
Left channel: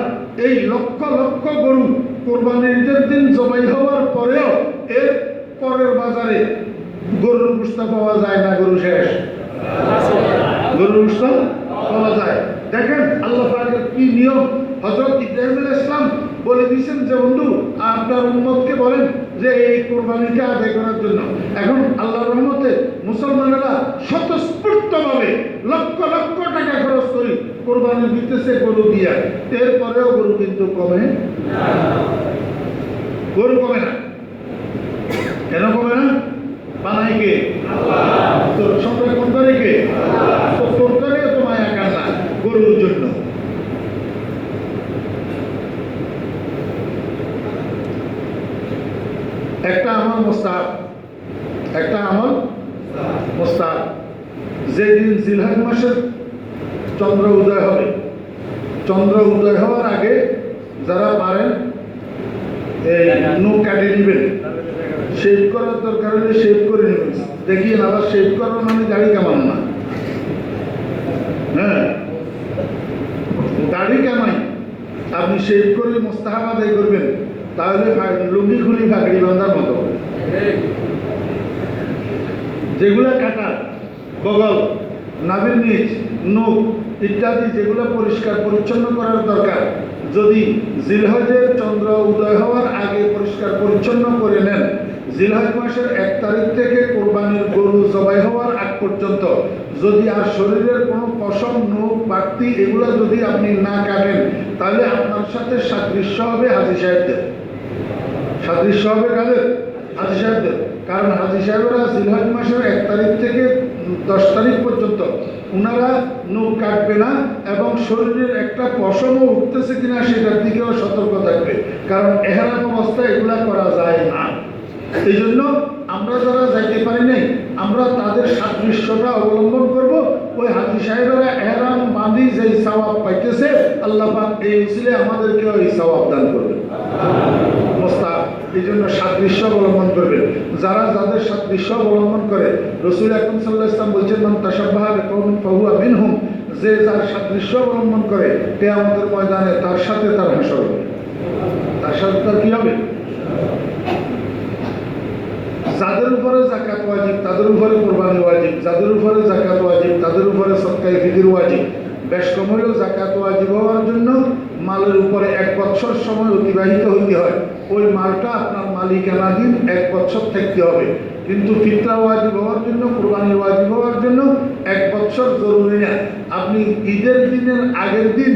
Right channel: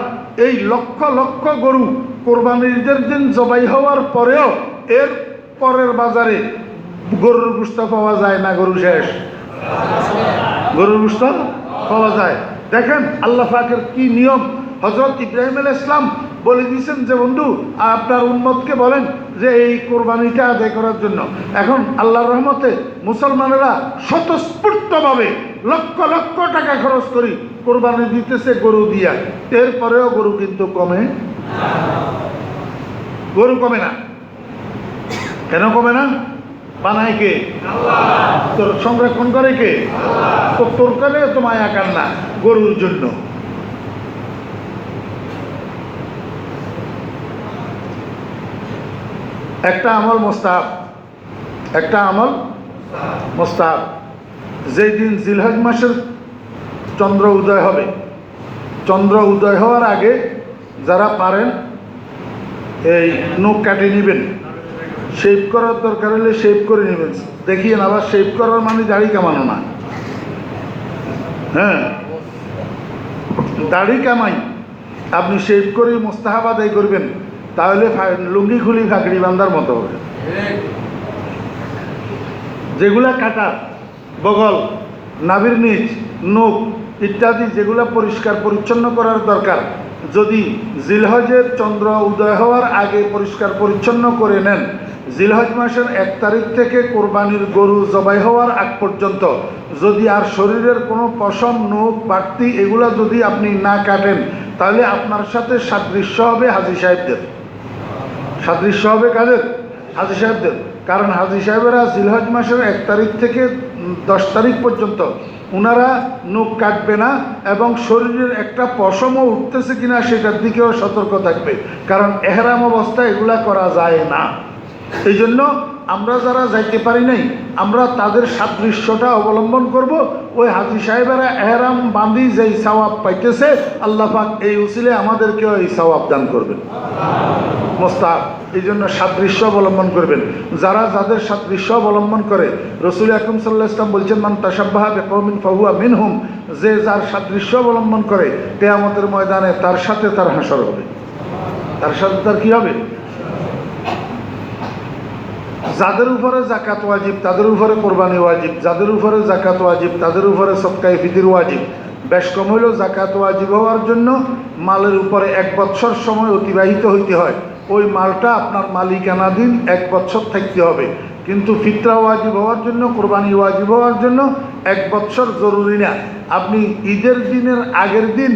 এই লক্ষ লক্ষ গরু কোরবানির ঈদের দিন জবাই হওয়ার পরেও এর পরের বাজারে গরুর গোশত পাওয়া যায় না। গরু শেষ, গরুর গোশত পাওয়া যায়। দেখেন আল্লাহ পাকের কি নিয়ম। হযরত ইব্রাহিম আলাইহিস সালাম বলে দিয়েছেন যে বন্ধু আপনার উম্মতকে বলেন যে এই কোরবানিটা আদায় করার জন্য। এখন আল্লাহর রহমতে মুসলমানেরা স্বতঃস্ফূর্তভাবে লক্ষ লক্ষ টাকা খরচ করি কোরবানি দিতেছে গরু দিয়া। এরপরেও গরু কিন্তু কমে, গরু কমে না। কেন কমে না? বানায় কে? তোর সংরক্ষণ করে কে? তোর করে তো মায়া কান্না গরুর জন্য। একটা আমল মোস্তাহাব, একটা আমল মোস্তাহাব। যেদিন জিলহজ মাসের চন্দ্র উদয় হবে। চন্দ্র উদয় হওয়ার আগে যারা পারেন এই নখ কাটে নেবেন, শেভ করার দরকার হলে শেভ করে নেবেন। দেখিয়েন, আবার শেভ করার মানে দাড়ি কামানো না। হ্যাঁ, দাড়ি কামাই আপনি শেভ করে মোস্তাহাব আদায় করবেন, তাহলে লুঙ্গি খুলি ফাঁকড়ি বান্ধার মতো হবে। যেগুলা কাটা, বগল, নাভির নিচ, নখ ইত্যাদি যেগুলো পরিষ্কার পরিচ্ছন্ন করার দরকার, যদি জিলহজের চন্দ্র উদয় হওয়ার আগে পরিষ্কার পরিচ্ছন্ন করে নেন, জিলহজ মাসের 1 তারিখ থেকে কোরবানির গরু জবাই হওয়ার আগ পর্যন্ত যদি আর শরীরের কোনো পশম, নখ, বাড়তি এগুলো যদি আপনি না কাটেন, তাহলে আপনার সাথে সাদৃশ্য হবে হাজী সাহেবদের। সাদৃশ্য হবে কাদের? হাজী সাহেবদের। কারণ হাজী সাহেবেরা জিলহজ মাসের 1 তারিখ থেকে 10 তারিখ পর্যন্ত ওনারা নখ কাটবে না, এবং শরীরের একটা পশমও উঠতেছে কিনা সেটার দিকেও সতর্ক থাকবে, কারণ এহরাম অবস্থায় এগুলা করা যায় না। এই জন্য আমরা যারা যাইতে পারি নাই, আমরা তাদের সাদৃশ্যটা অবলম্বন করব। ওই হাজী সাহেবেরা এহরাম বাঁধি যেই সওয়াব পাইতেছে, আল্লাহ পাক এই উসিলে আমাদেরকেও এই সওয়াব দান করবেন। মোস্তাহাব, এই জন্য সাদৃশ্য অবলম্বন করবেন। যারা যাদের সাদৃশ্য অবলম্বন করে, রসুল আকরাম সাল্লাল্লাহু আলাইহি ওয়াসাল্লাম বলছেন, মান তাশাব্বাহা বিকওমিন ফাহুয়া মিনহুম, যে যার সাদৃশ্য অবলম্বন করে কিয়ামতের ময়দানে তার সাথে তার হাসর হবে। তার সাথে তার কি হবে? যাদের উপরে জাকাত ওয়াজিব তাদের উপরে কোরবানি ওয়াজিব, যাদের উপরে জাকাত ওয়াজিব তাদের উপরে সদকায়ে ফিতর ওয়াজিব। বেশ কম হলেও জাকাত ওয়াজিব হওয়ার জন্য মালের উপরে 1 বছর সময় অতিবাহিত হইতে হয়। ওই মালটা আপনার মালিকানাধীন 1 বছর থাকতে হবে। কিন্তু ফিতরা ওয়াজিব হওয়ার জন্য, কোরবানি ওয়াজিব হওয়ার জন্য 1 বছর জরুরি না। আপনি ঈদের দিনের আগের দিন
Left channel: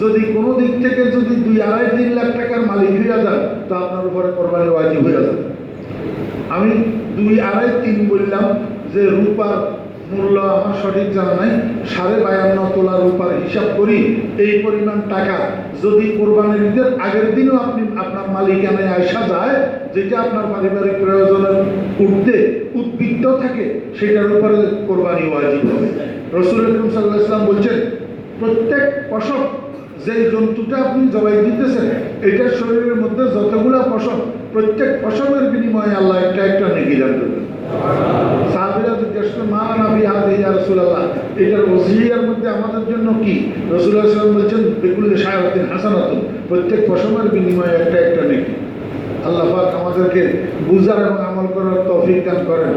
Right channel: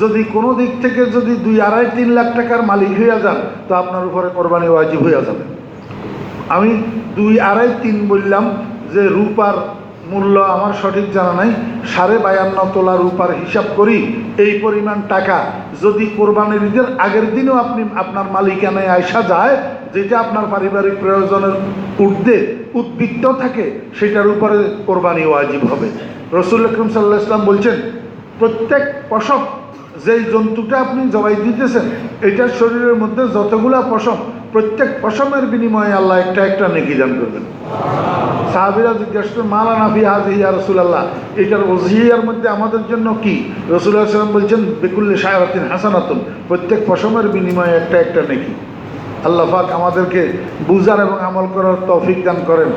যদি কোনো দিক থেকে যদি 2-2.5-3 লাখ টাকার মালিক হইয়া যান, তো আপনার উপরে কোরবানি ওয়াজিব হইয়া যাবে। আমি 2-2.5-3 বললাম, যে রূপার মূল্য আমার সঠিক জানা নাই, 52.5 তোলা রূপার হিসাব করি। এই পরিমাণ টাকা যদি কোরবানির ঈদের আগের দিনও আপনি আপনার মালিকানায় আইসা যায়, যেটা আপনার পারিবারিক প্রয়োজনের ঊর্ধ্বে উদ্বৃত্ত থাকে, সেটার উপরে কোরবানি ওয়াজিব হবে। রসুল আকরাম সাল্লাল্লাহু আলাইহি ওয়াসাল্লাম বলছেন, প্রত্যেক পশম, যেই জন্তুটা আপনি জবাই দিতেছেন, এটার শরীরের মধ্যে যতগুলা পশম, প্রত্যেক পশমের বিনিময়ে আল্লাহ একটা একটা নেকি দান করবেন। সাহাবীরা জিজ্ঞাসা করেন, মা লানা ফি হাযিহি ইয়া রাসূলুল্লাহ, এটার ওজিয়ার মধ্যে আমাদের জন্য কি? রাসূলুল্লাহ সাল্লাল্লাহু আলাইহি ওয়াসাল্লাম বলছেন, বিকুল্লি শা'রাতিন হাসানাতুন, প্রত্যেক পশমের বিনিময়ে একটা একটা নেকি। আল্লাহ পাক আমাদেরকে বুঝার এবং আমল করার তৌফিক দান করেন।